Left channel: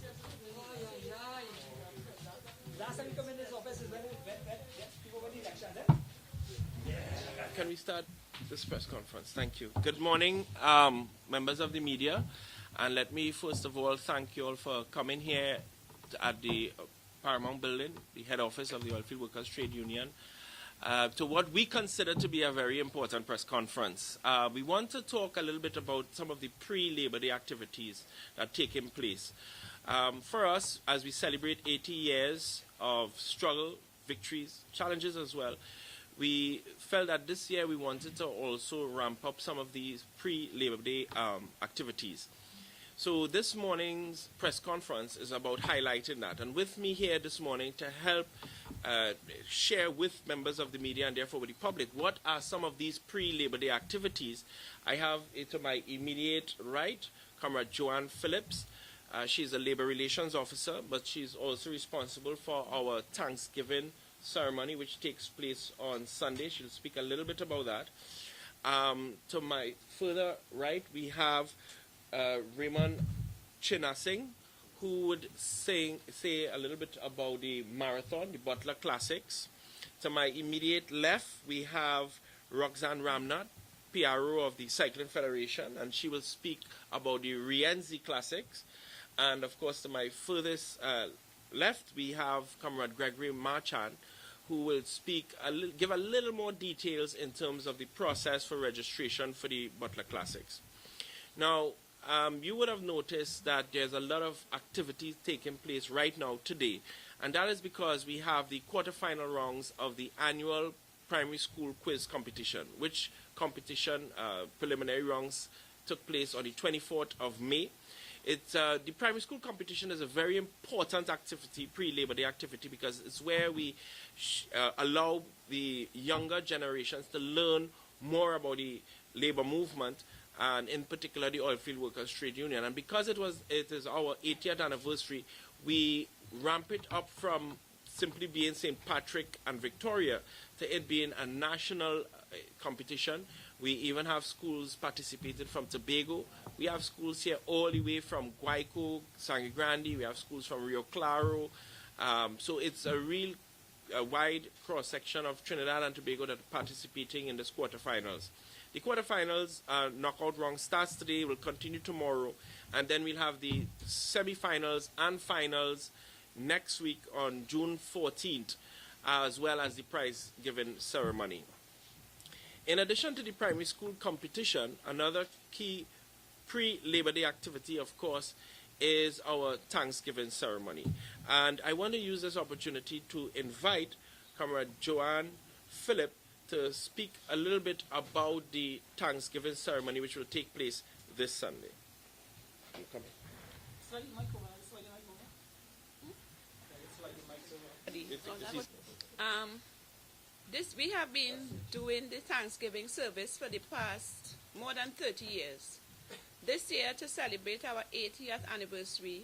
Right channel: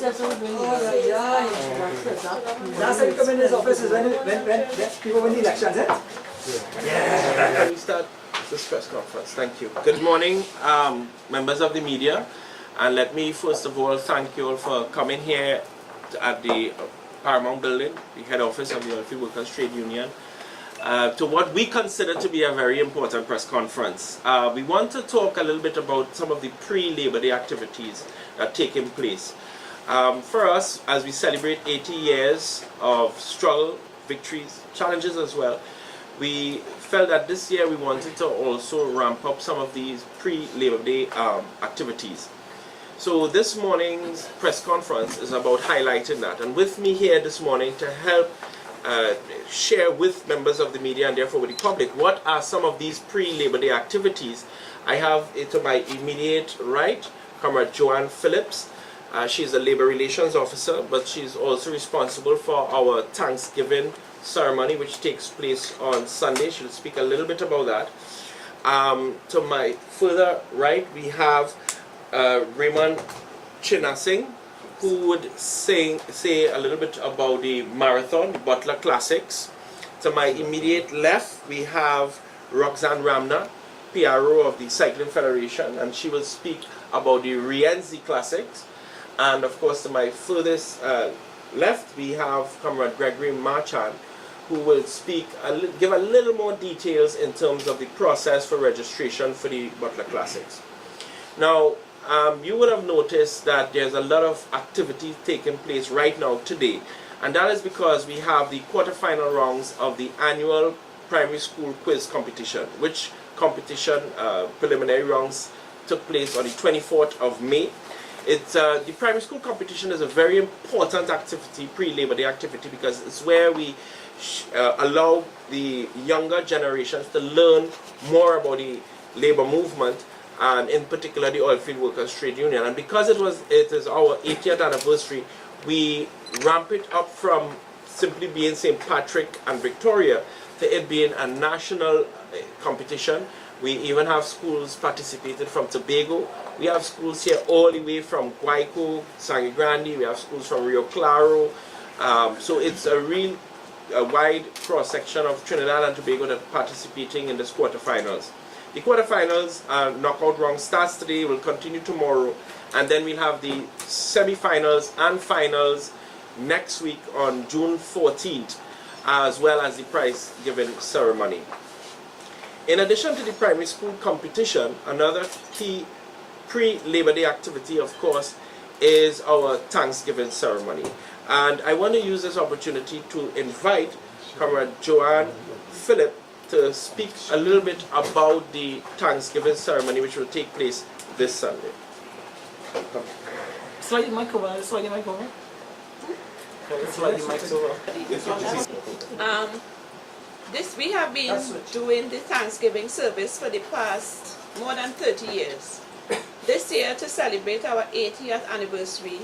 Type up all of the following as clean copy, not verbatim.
Last time you come in his office is when people win the elections, eh? Yeah. Can we start this press conference? Thank you. Good morning, members of the media. And let me first of all thank you all for coming here at the Paramount building, the head office of the Oilfield Workers Trade Union, to what we consider to be a very important press conference. We want to talk a little bit about some of the pre-Labor Day activities that are taking place. For us, as we celebrate 80 years of struggle, victories, challenges as well, we felt that this year we wanted to also ramp up some of these pre-Labor Day activities. So this morning's press conference is about highlighting that. And with me here this morning to help share with members of the media and therefore with the public what are some of these pre-Labor Day activities, I have to my immediate right, Comrade Joanne Phillips. She's a Labor Relations Officer, but she's also responsible for our Thanksgiving ceremony, which takes place on Sunday. She'll speak a little bit about that. To my further right, we have Raymond Chinasing, who would say a little bit about the marathon, the Butler Classics. To my immediate left, we have Roxanne Ramna, PRO of the Cycling Federation, and she will speak about the Rienzi Classics. And of course, to my furthest left, we have Comrade Gregory Marchand, who will speak, give a little more details in terms of the process for registration for the Butler Classics. Now, you would have noticed that there's a lot of activity taking place right now today, and that is because we have the quarterfinal rounds of the annual primary school quiz competition, which competition preliminary rounds took place on the 24th of May. The primary school competition is a very important activity, pre-Labor Day activity, because it's where we allow the younger generations to learn more about the labor movement, and in particular the Oilfield Workers Trade Union. And because it is our 80th anniversary, we ramp it up from simply being St. Patrick and Victoria to it being a national competition. We even have schools participated from Tobago. We have schools here all the way from Guayco, Sangre Grande. We have schools from Rio Claro. So it's a real wide cross-section of Trinidad and Tobago that are participating in this quarterfinals. The quarterfinals knockout round starts today, will continue tomorrow, and then we'll have the semi-finals and finals next week on June 14th, as well as the prize giving ceremony. In addition to the primary school competition, another key pre-Labor Day activity, of course, is our Thanksgiving ceremony. And I want to use this opportunity to invite Comrade Joanne Phillips to speak a little bit about the Thanksgiving ceremony, which will take place this Sunday. Slide the mic over. Slide the mic over. Slide the mic over. We have been doing the Thanksgiving service for the past more than 30 years. This year, to celebrate our 80th anniversary,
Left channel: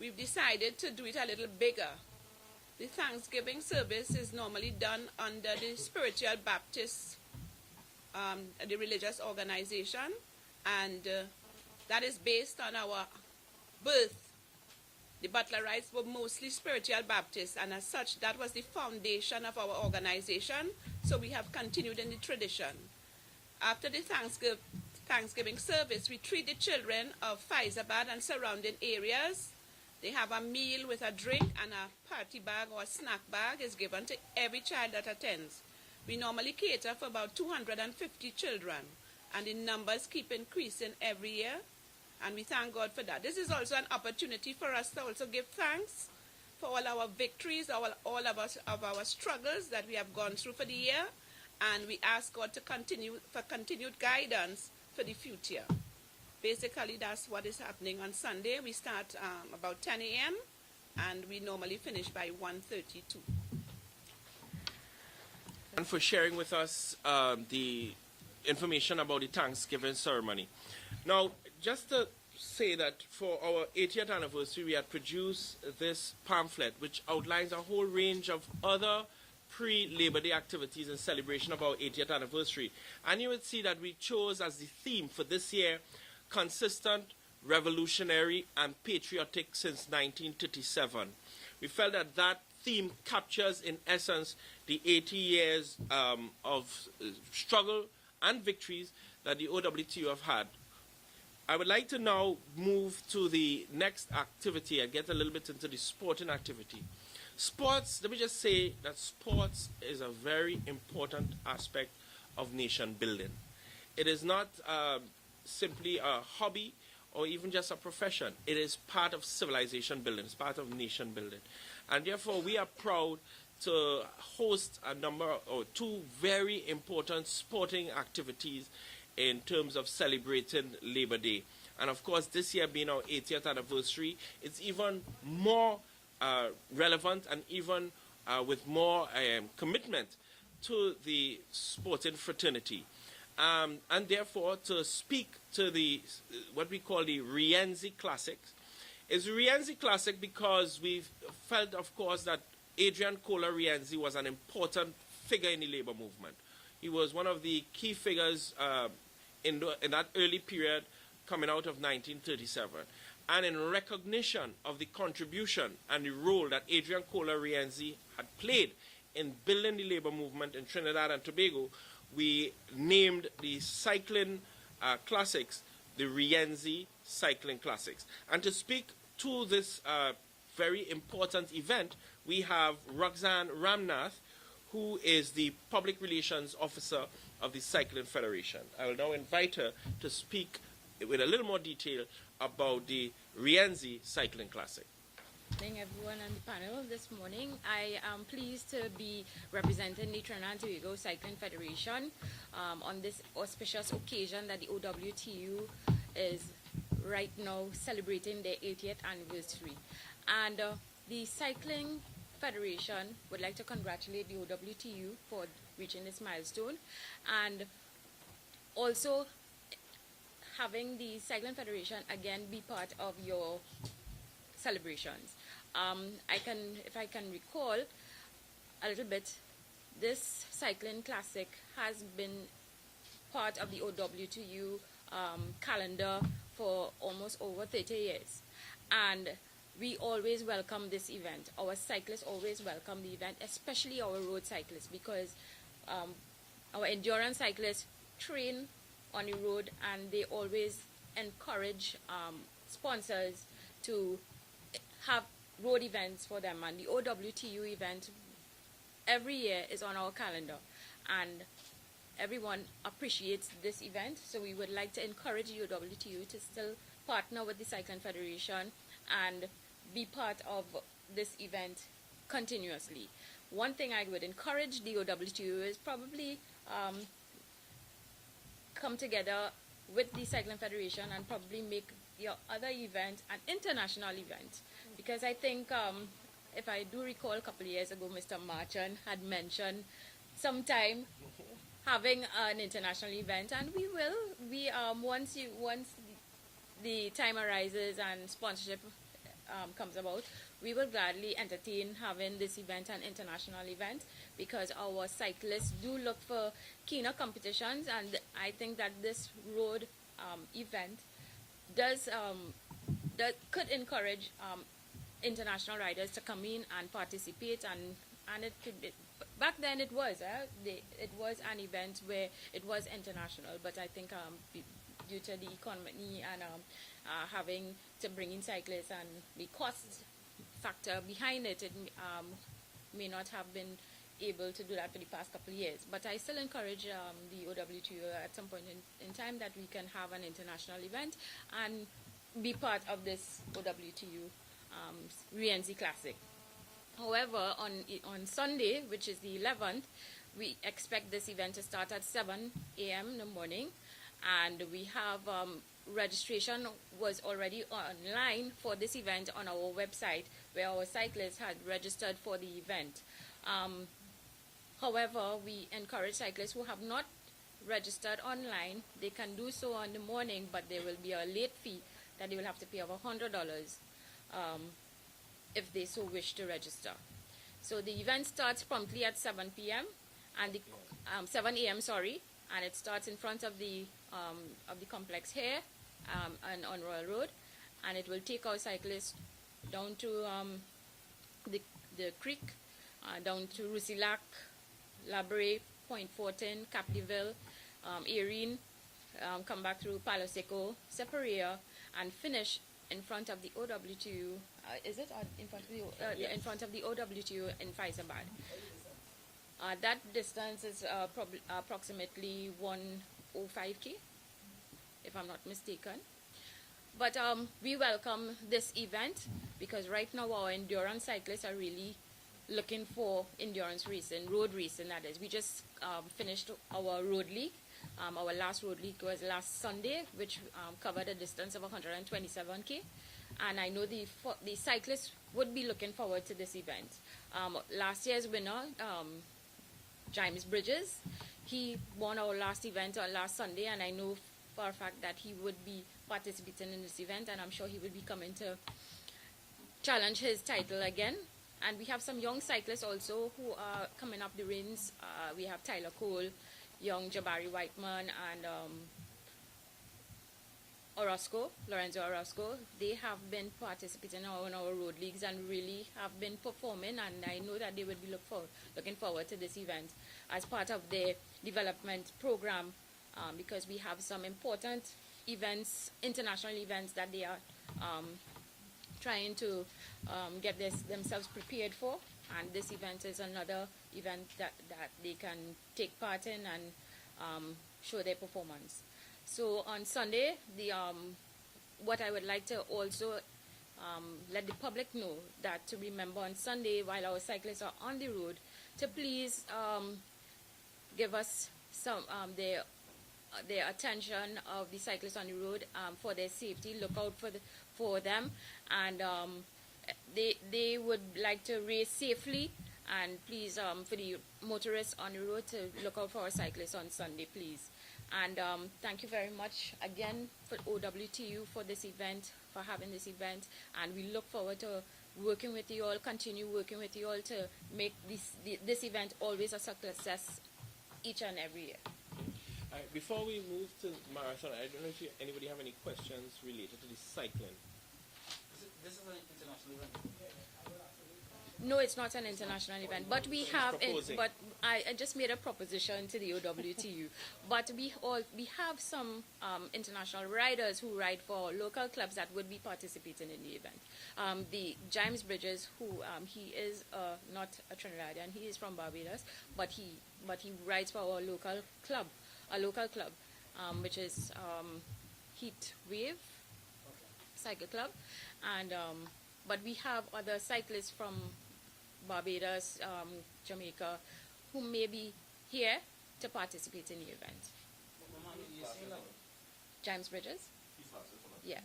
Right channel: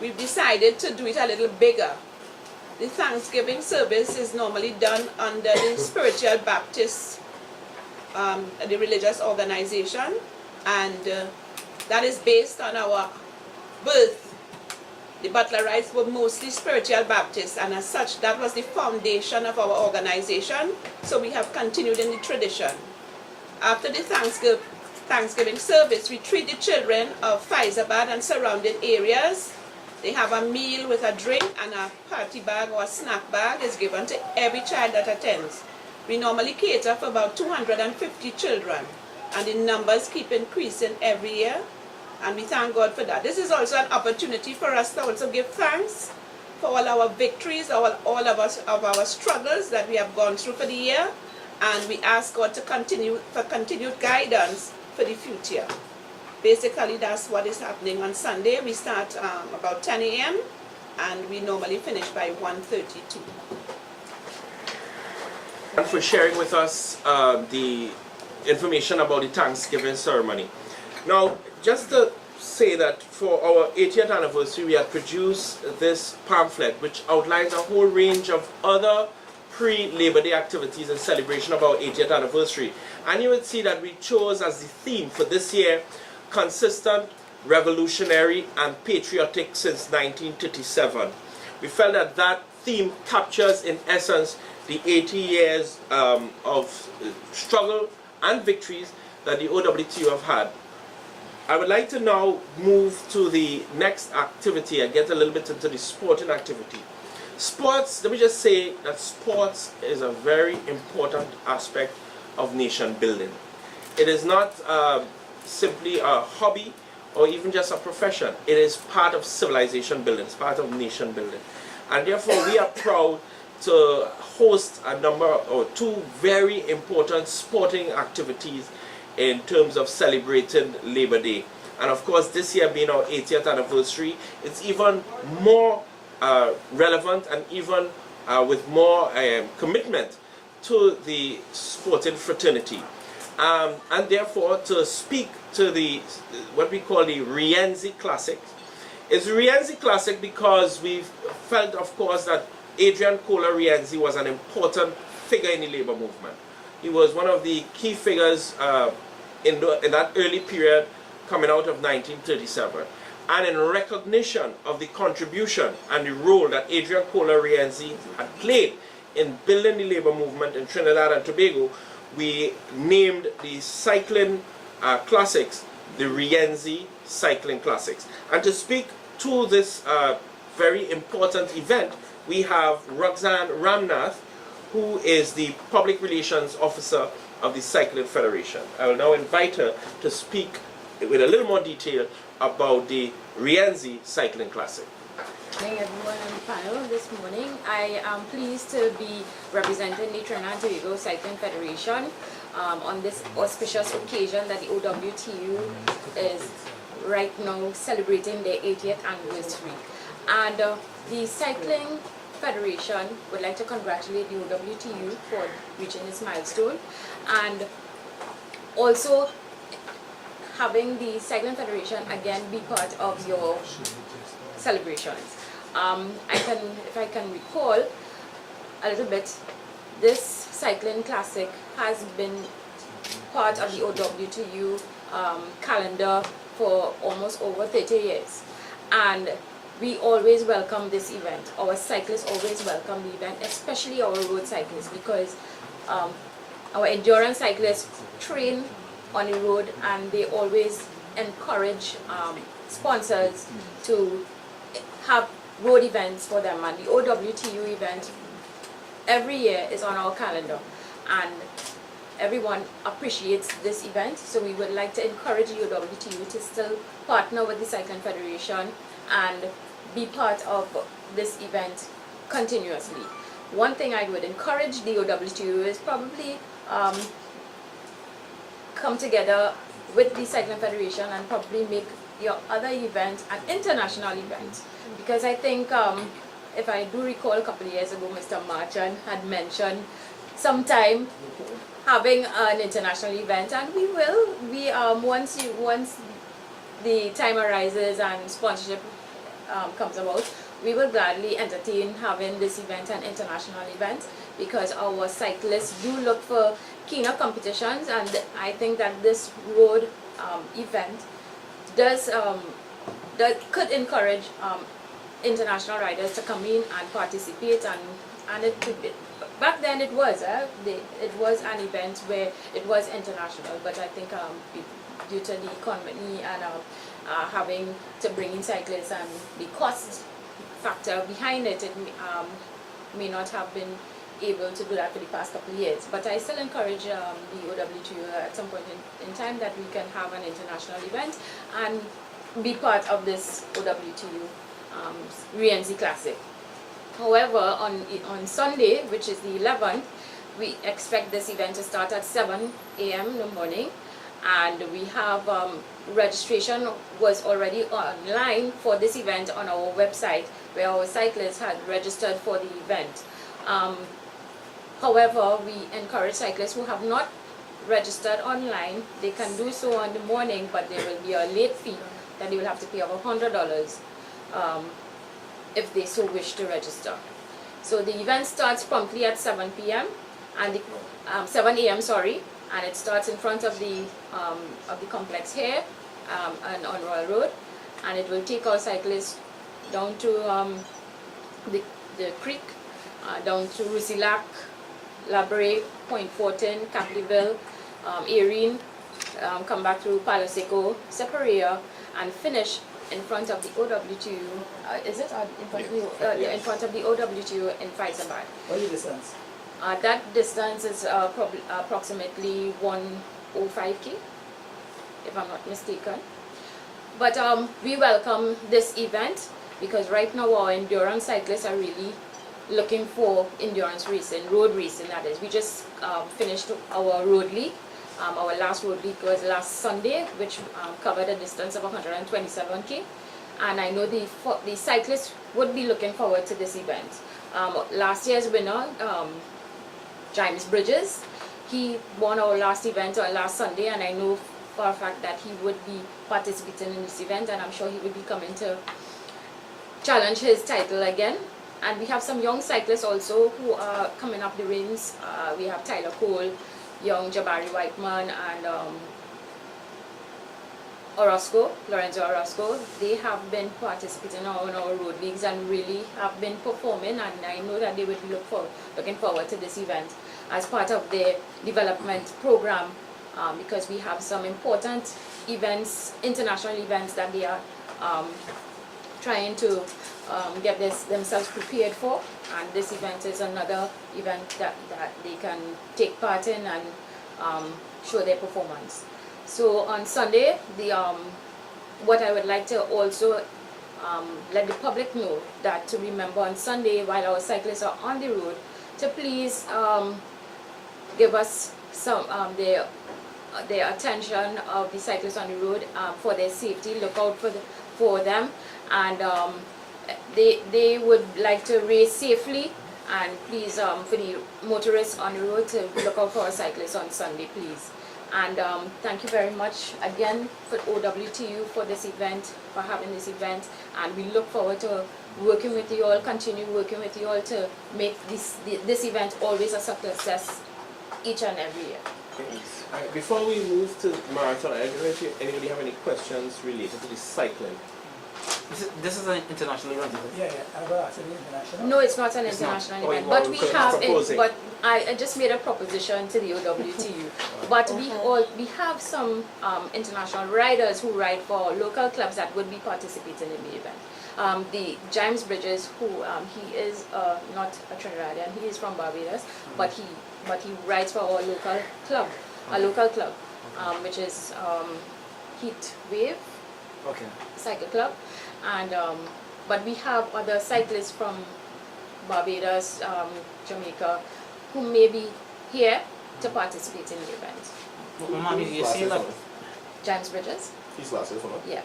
we've decided to do it a little bigger. The Thanksgiving service is normally done under the Spiritual Baptist, the religious organization, and that is based on our birth. The Butlerites were mostly Spiritual Baptists, and as such, that was the foundation of our organization, so we have continued in the tradition. After the Thanksgiving service, we treat the children of Fyzabad and surrounding areas. They have a meal with a drink, and a party bag or a snack bag is given to every child that attends. We normally cater for about 250 children, and the numbers keep increasing every year, and we thank God for that. This is also an opportunity for us to also give thanks for all our victories, all of our struggles that we have gone through for the year, and we ask God to continued guidance for the future. Basically, that's what is happening on Sunday. We start about 10 a.m. and we normally finish by 1:32. And for sharing with us the information about the Thanksgiving ceremony. Now, just to say that for our 80th anniversary, we have produced this pamphlet which outlines a whole range of other pre-Labor Day activities in celebration of our 80th anniversary. And you would see that we chose as the theme for this year consistent revolutionary and patriotic since 1937. We felt that that theme captures in essence the 80 years of struggle and victories that the OWTU have had. I would like to now move to the next activity and get a little bit into the sporting activity. Sports, let me just say that sports is a very important aspect of nation building. It is not simply a hobby or even just a profession. It is part of civilization building, it's part of nation building. And therefore we are proud to host a number or two very important sporting activities in terms of celebrating Labor Day. And of course, this year being our 80th anniversary, it's even more relevant and even with more commitment to the sporting fraternity. And therefore, to speak to the what we call the Rienzi Classics. It's Rienzi Classic because we've felt, of course, that Adrian Cola Rienzi was an important figure in the labor movement. He was one of the key figures in that early period coming out of 1937. And in recognition of the contribution and the role that Adrian Cola Rienzi had played in building the labor movement in Trinidad and Tobago, we named the cycling classics the Rienzi Cycling Classics. And to speak to this very important event, we have Roxanne Ramnath, who is the Public Relations Officer of the Cycling Federation. I will now invite her to speak with a little more detail about the Rienzi Cycling Classic. Good morning everyone on the panel this morning. I am pleased to be representing the Trinidad and Tobago Cycling Federation on this auspicious occasion that the OWTU is right now celebrating their 80th anniversary. And the Cycling Federation would like to congratulate the OWTU for reaching this milestone, and also having the Cycling Federation again be part of your celebrations. If I can recall a little bit, this cycling classic has been part of the OWTU calendar for almost over 30 years, and we always welcome this event. Our cyclists always welcome the event, especially our road cyclists, because our endurance cyclists train on the road and they always encourage sponsors to have road events for them, and the OWTU event every year is on our calendar and everyone appreciates this event. So we would like to encourage the OWTU to still partner with the Cycling Federation and be part of this event continuously. One thing I would encourage the OWTU is probably come together with the Cycling Federation and probably make your other event an international event, because I think if I do recall a couple of years ago, Mr. Marchand had mentioned sometime having an international event, and we will. Once the time arises and sponsorship comes about, we will gladly entertain having this event an international event, because our cyclists do look for keener competitions, and I think that this road event could encourage international riders to come in and participate, and it could be, back then it was an event where it was international, but I think due to the economy and having to bring in cyclists and the cost factor behind it, it may not have been able to do that for the past couple of years. But I still encourage the OWTU at some point in time that we can have an international event and be part of this OWTU Rienzi Classic. However, on Sunday, which is the 11th, we expect this event to start at 7 a.m. in the morning, and we have registration was already online for this event on our website, where our cyclists had registered for the event. However, we encourage cyclists who have not registered online, they can do so on the morning, but there will be a late fee that they will have to pay of $100 if they so wish to register. So the event starts promptly at 7 p.m. and 7 a.m. sorry, and it starts in front of the complex here and on Royal Road, and it will take our cyclists down to the creek, down to Rusilac, Labre, Point Fortin, Capleville, Erin, come back through Palo Seco, Separia, and finish in front of the OWTU. Is it in front of the in front of the OWTU in Fyzabad? What is the distance? That distance is approximately 105 km, if I'm not mistaken. But we welcome this event because right now our endurance cyclists are really looking for endurance racing, road racing that is. We just finished our road league. Our last road league was last Sunday, which covered a distance of 127 km. And I know the cyclists would be looking forward to this event. Last year's winner, James Bridges, he won our last event last Sunday, and I know for a fact that he would be participating in this event, and I'm sure he would be coming to challenge his title again. And we have some young cyclists also who are coming up the ranks. We have Tyler Cole, young Jabari Whiteman, and Lorenzo Orozco. They have been participating on our road leagues and really have been performing, and I know that they would be looking forward to this event as part of their development program, because we have some important events, international events that they are trying to get themselves prepared for, and this event is another event that they can take part in and show their performance. So on Sunday, what I would like to also let the public know that to remember on Sunday, while our cyclists are on the road, to please give us some their attention of the cyclists on the road for their safety. Look out for them, and they would like to race safely. And please, for the motorists on the road, to look out for our cyclists on Sunday, please. And thank you very much again for OWTU for this event, for having this event, and we look forward to working with you all, continue working with you all to make this event always a success each and every year. Right, before we move to marathon, I don't know if anybody have any questions related to the cycling. This is an international event. Yeah, I'm going to ask you international. No, it's not an international event, but we have it. But I just made a proposition to the OWTU. But we have some international riders who ride for local clubs that would be participating in the event. The James Bridges, who he is not a Trinidadian, he is from Barbados, but he rides for our local club, which is Heat Wave. Okay. Cycle Club, and but we have other cyclists from Barbados, Jamaica, who may be here to participate in the event. Mommy, you see that? James Bridges? He's last year, so Yeah.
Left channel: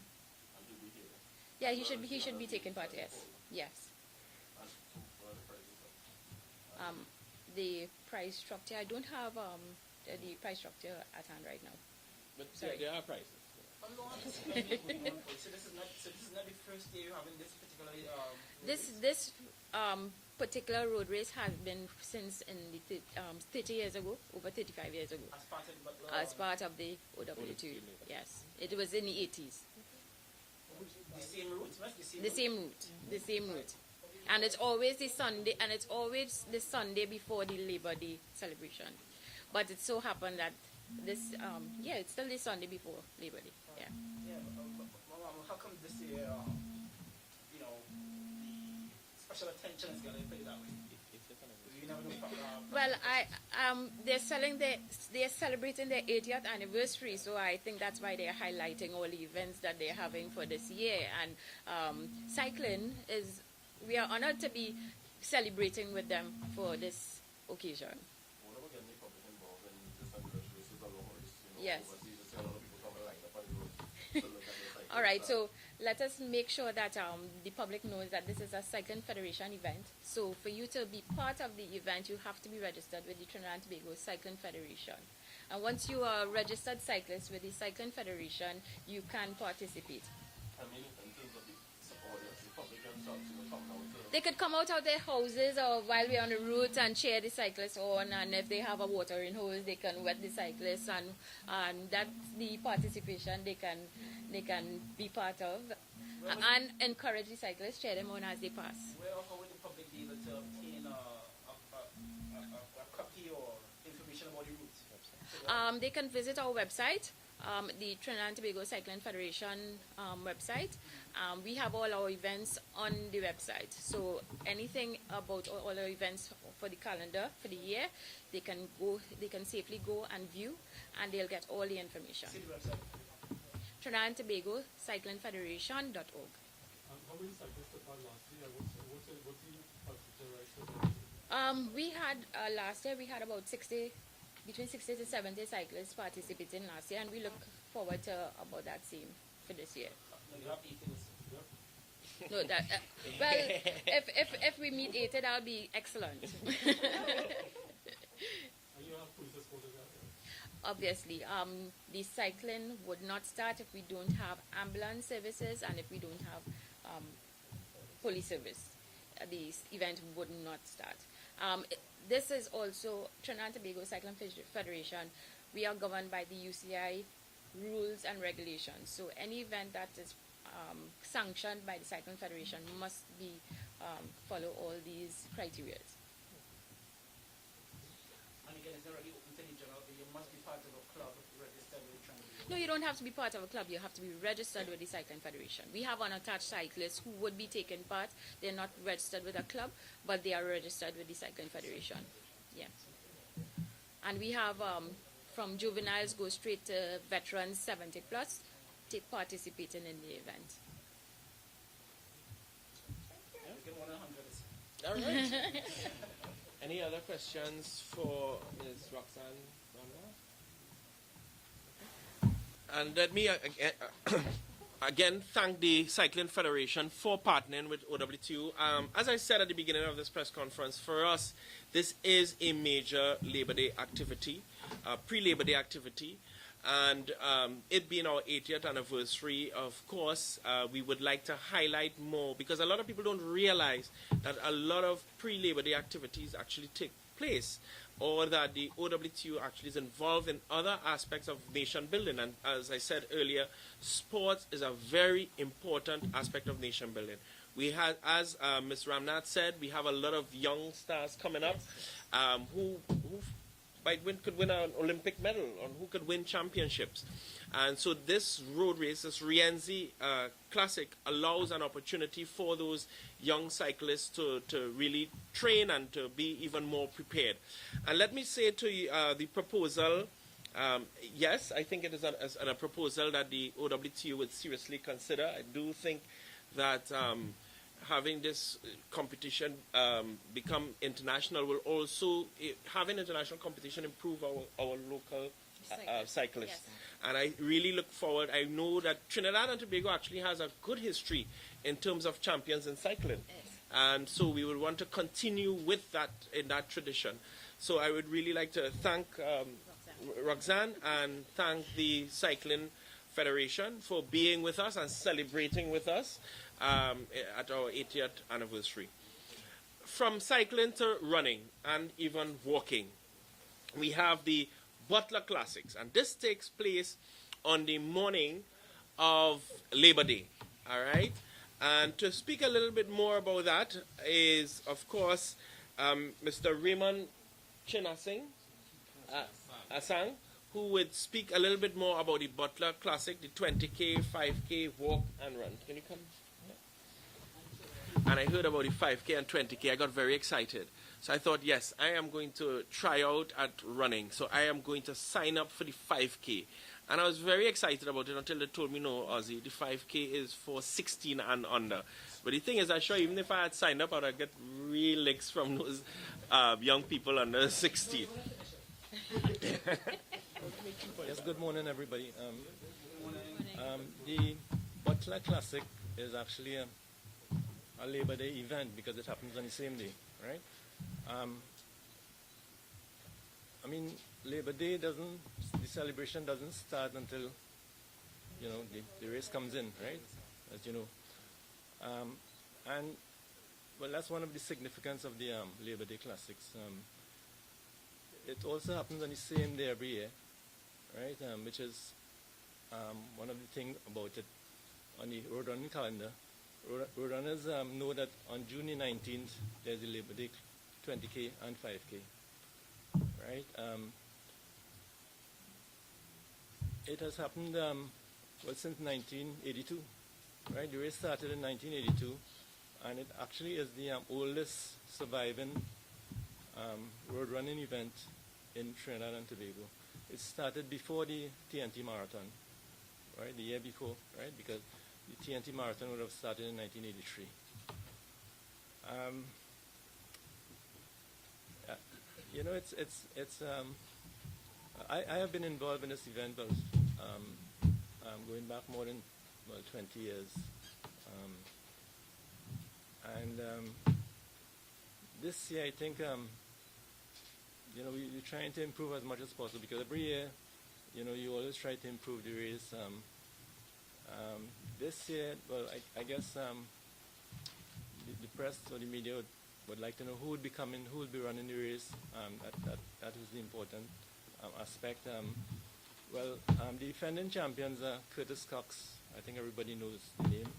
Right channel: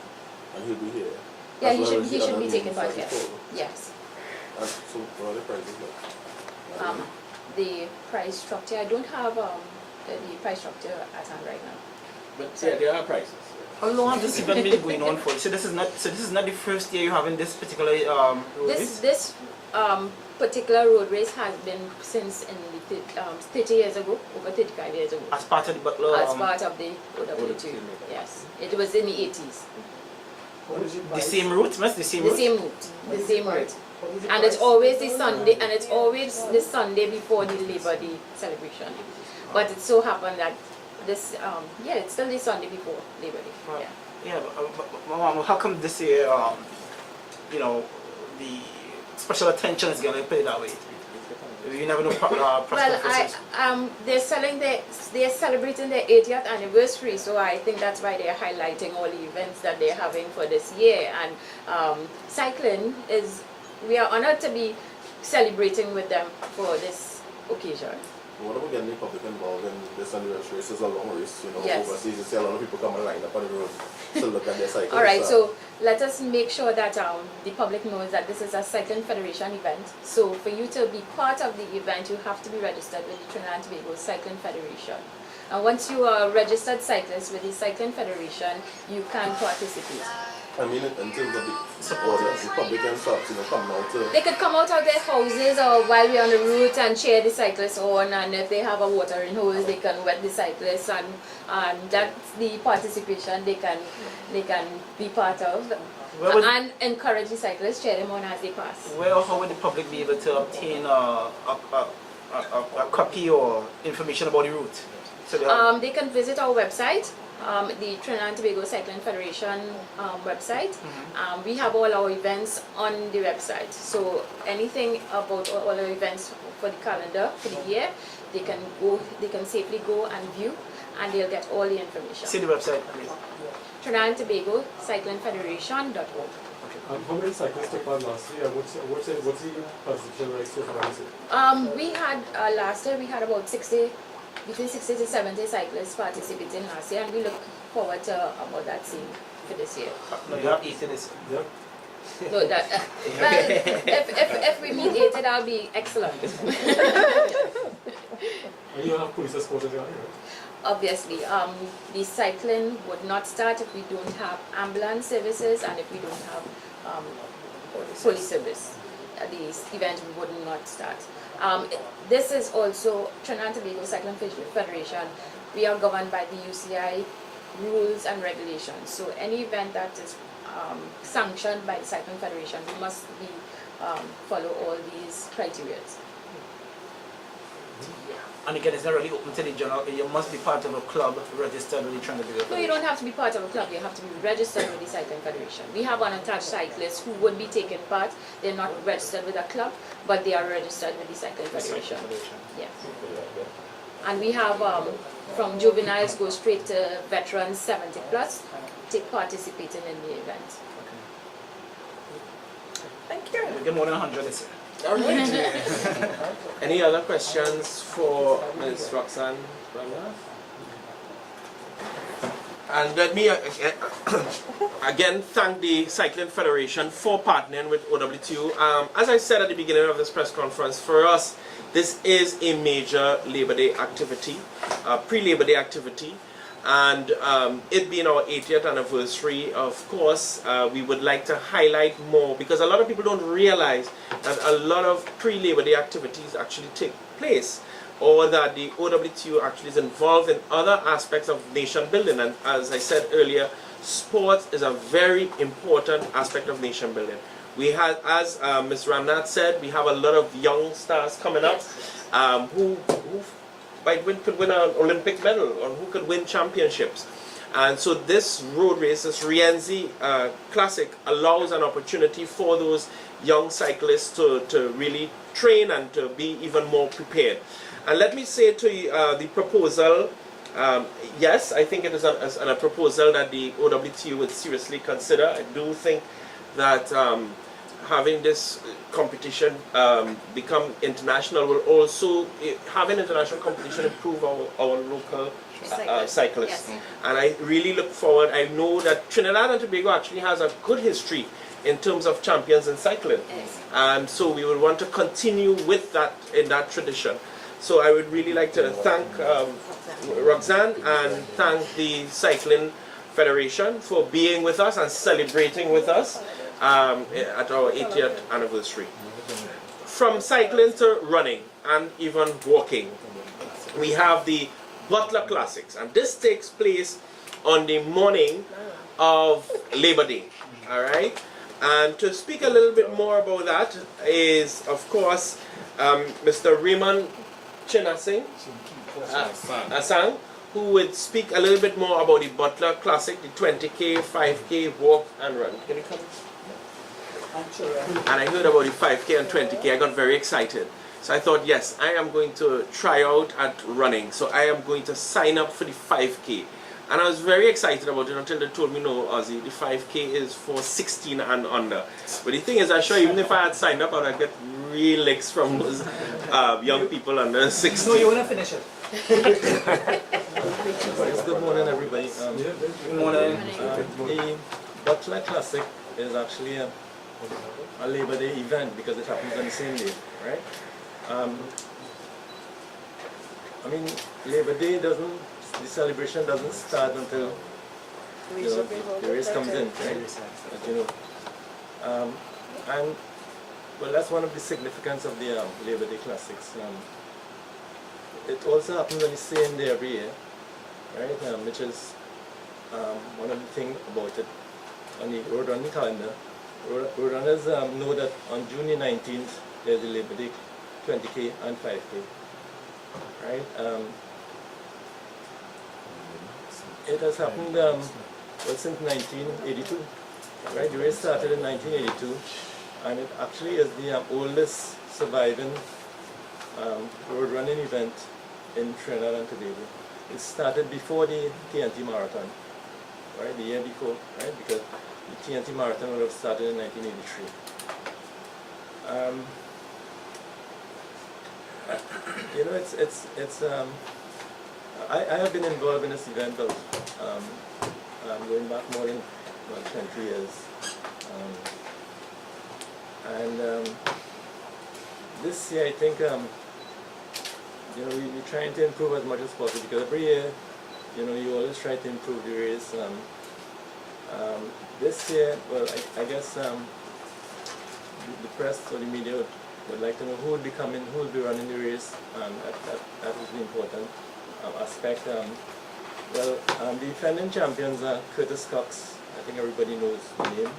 and he'll be here. Yeah, As he well as should the other be taking part. cycle Yes. polo. Yes. And so what are the prices like? The price structure. I don't have the price structure at hand right now. But yeah, there are prices. How long has this event been going on for? So this is not the first year you having this particular road race? This particular road race has been since in the 30 years ago, over 35 years ago. As part of the Butler. As part of the OWTU, yes. It was in the 80s. What is it The by? same route, miss? The same route? What is The same it by? route. What is it And by? it's always the Sunday, and it's always the Sunday before the Labor Day celebration. But it so happened that this, it's still the Sunday before Labor Day. Right. Yeah. Yeah, but Mom, how come this year, the special attention is going to play that way? You never know. Well, they're celebrating their 80th anniversary, so I think that's why they're highlighting all the events that they're having for this year. And cycling we are honored to be celebrating with them for this occasion. What about getting the public involved in this anniversary race? It's a long race, Yes. overseas. You see a lot of people come and line up on the road to look at their cycles. All right, so let us make sure that the public knows that this is a Cycling Federation event. So for you to be part of the event, you have to be registered with the Trinidad and Tobago Cycling Federation. And once you are a registered cyclist with the Cycling Federation, you can participate. I mean, in terms of the supporters. The public can start, coming out to... They could come out of their houses or while we're on the route and cheer the cyclists on, and if they have a watering hose, they can wet the cyclists, and that's the participation they can be part of. And encourage the cyclists, cheer them on as they pass. Well, how would the public be able to obtain a copy or information about the route? So they can visit our website, the Trinidad and Tobago Cycling Federation website. We have all our events on the website. So anything about all our events for the calendar for the year, they can safely go and view, and they'll get all the information. See the website, please. Trinidad and Tobago Cycling Federation.org. How many cyclists took part last year? What's the participation like so far? We had last year we had about between 60 to 70 cyclists participating last year, and we look forward to about that same for this year. No, you have 80 this year. Yep. So that well, if we meet 80, that'll be excellent. And you have police escort as well, right? Obviously, the cycling would not start if we don't have ambulance services and if we don't have police service. The event would not start. This is also Trinidad and Tobago Cycling Federation. We are governed by the UCI rules and regulations. So any event that is sanctioned by the Cycling Federation, we must follow all these criteria. And again, it's not really open to the general. You must be part of a club registered with the Trinidad and Tobago. No, you don't have to be part of a club. You have to be registered with the Cycling Federation. We have unattached cyclists who would be taking part. They're not registered with a club, but they are registered with the Cycling Federation. Yeah. And we have from juveniles go straight to veterans 70 plus, participating in the event. Thank you. We get more than 100 this year. All right. Any other questions for Ms. Roxanne? And let me again thank the Cycling Federation for partnering with OWTU. As I said at the beginning of this press conference, for us, this is a major Labor Day activity, pre-Labor Day activity. And it being our 80th anniversary, of course, we would like to highlight more, because a lot of people don't realize that a lot of pre-Labor Day activities actually take place, or that the OWTU actually is involved in other aspects of nation building. And as I said earlier, sports is a very important aspect of nation building. We have, as Ms. Ramnath said, we have a lot of young stars coming up who could win an Olympic medal, or who could win championships. And so this road race, this Rienzi Classic, allows an opportunity for those young cyclists to really train and to be even more prepared. And let me say to you, the proposal, yes, I think it is a proposal that the OWTU would seriously consider. I do think that having this competition become international will also, having international competition, improve our local cyclists. Yes. And I really look forward. I know that Trinidad and Tobago actually has a good history in terms of champions in cycling. Yes. And so we would want to continue with that, in that tradition. So I would really like to thank Roxanne and thank the Cycling Federation for being with us and celebrating with us at our 80th anniversary. From cycling to running and even walking, we have the Butler Classics, and this takes place on the morning of Labor Day. All right, and to speak a little bit more about that is, of course, Mr. Raymond Chinasing Asang, who would speak a little bit more about the Butler Classic, the 20K, 5K, walk and run. Can you come? And I heard about the 5K and 20K. I got very excited. So I thought, yes, I am going to try out at running. So I am going to sign up for the 5K. And I was very excited about it until they told me, no, Ozzy, the 5K is for 16 and under. But the thing is, I'm sure even if I had signed up, I would get real licks from those young people under 16. No, you want to finish it. Good morning, everybody. Good morning. The Butler Classic is actually a Labor Day event because it happens on the same day, right? I mean, Labor Day the celebration doesn't start until the race comes in, right? As you know. And well, that's one of the significance of the Labor Day Classics. It also happens on the same day every year, right? Which is one of the things about it on the road running calendar. Road runners know that on June the 19th there's the Labor Day 20K and 5K, right? It has happened well since 1982, right? The race started in 1982, and it actually is the oldest surviving road running event in Trinidad and Tobago. It started before the TNT Marathon, right? The year before, right? Because the TNT Marathon would have started in 1983. You know, I have been involved in this event of going back more than 20 years. This year I think you know, we're trying to improve as much as possible, because every year, you know, you always try to improve the race. This year, well, I guess the press or the media would like to know who would be coming, who will be running the race. That is the important aspect. Well, the defending champions are Curtis Cox. I think everybody knows the name.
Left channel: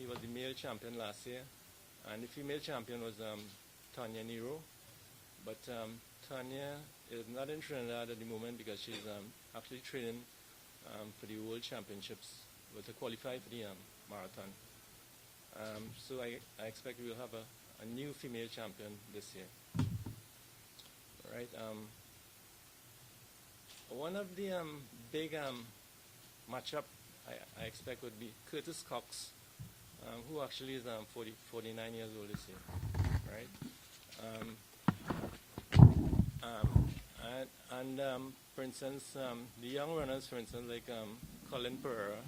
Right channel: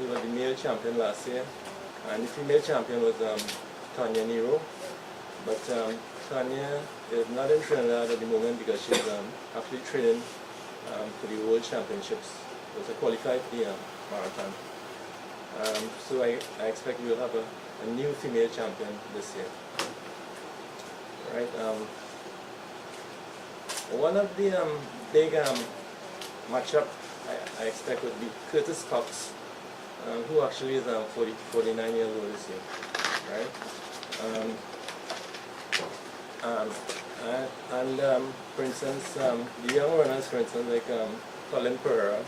He was the male champion last year, and the female champion was Tanya Nero. But Tanya is not in Trinidad at the moment because she's actually training for the World Championships. So qualified for the marathon. So I expect we'll have a new female champion this year. Right. One of the big matchup I expect would be Curtis Cox, who actually is 49 years old this year, right? For instance, the young runners, for instance, like Colin Pereira,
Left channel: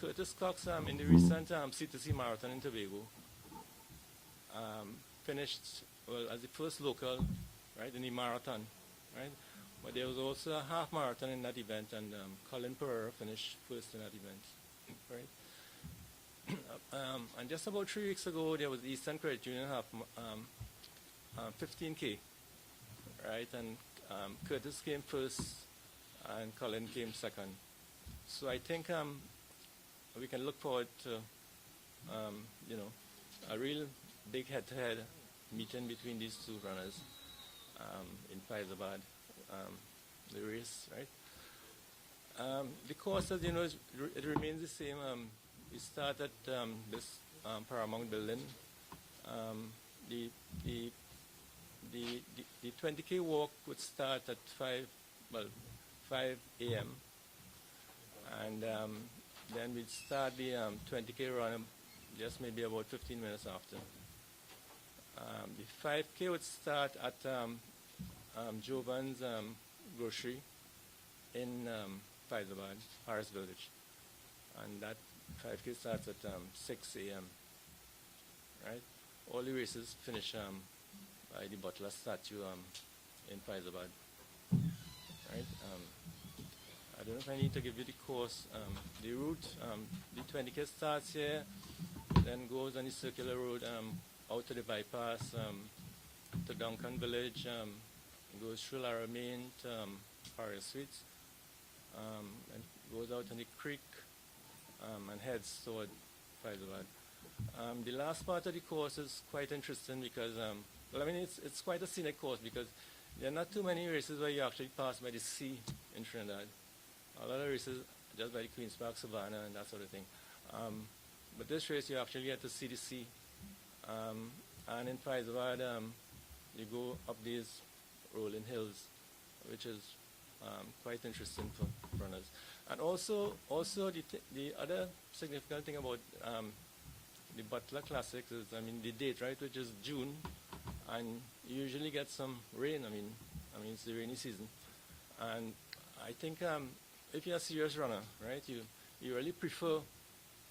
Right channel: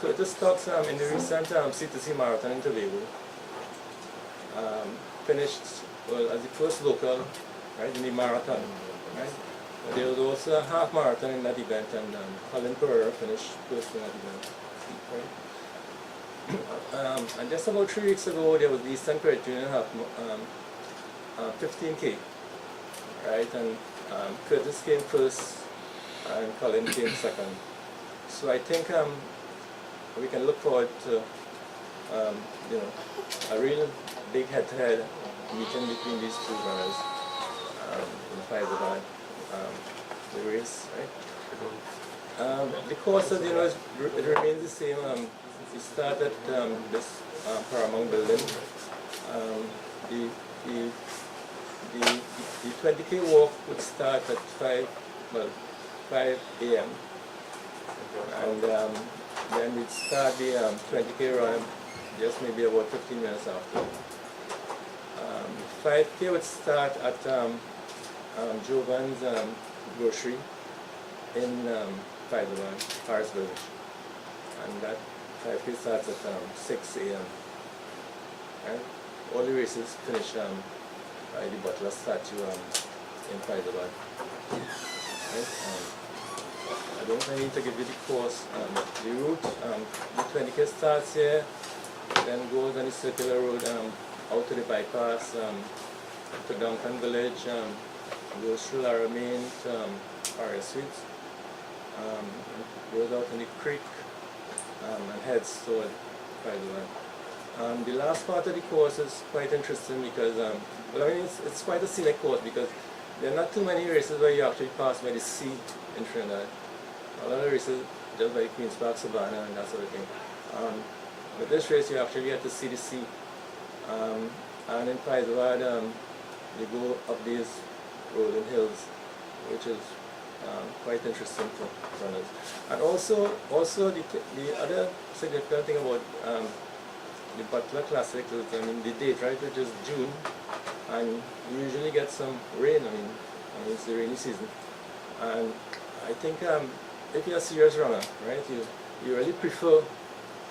Curtis Cox in the recent C2C Marathon in Tobago finished well as the first local, right, in the marathon, right? There was also a half marathon in that event, and Colin Pereira finished first in that event. Right? And just about 3 weeks ago, there was the Eastern Credit Union half 15K, right? And Curtis came first, and Colin came second. So I think we can look forward to you know, a real big head-to-head meeting between these two runners in Fyzabad. The race, right? The course, you know, it remains the same. We start at this Paramount building. The 20K walk would start at 5 a.m. and then we'd start the 20K run just maybe about 15 minutes after. 5K would start at Jovan's grocery in Fyzabad, Harris Village, and that 5K starts at 6 a.m. Right? All the races finish by the Butler statue in Fyzabad. Right? I don't need to give you the course. The route, the 20K starts here, then goes on the circular road out to the bypass to Duncan Village, goes through Laramie to Paris Suites, goes out in the creek and heads toward Fyzabad. The last part of the course is quite interesting because, well, I mean, it's quite a select course because there are not too many races where you actually pass by the sea in Trinidad. A lot of races just by Queen's Park, Savannah, and that sort of thing. But this race you actually get to see the sea. And in Fyzabad, you go up these rolling hills, which is quite interesting for runners. And also the other significant thing about the Butler Classics is, I mean, the date, right, which is June, and you usually get some rain. I mean it's the rainy season, and I think if you're a serious runner, right, you really prefer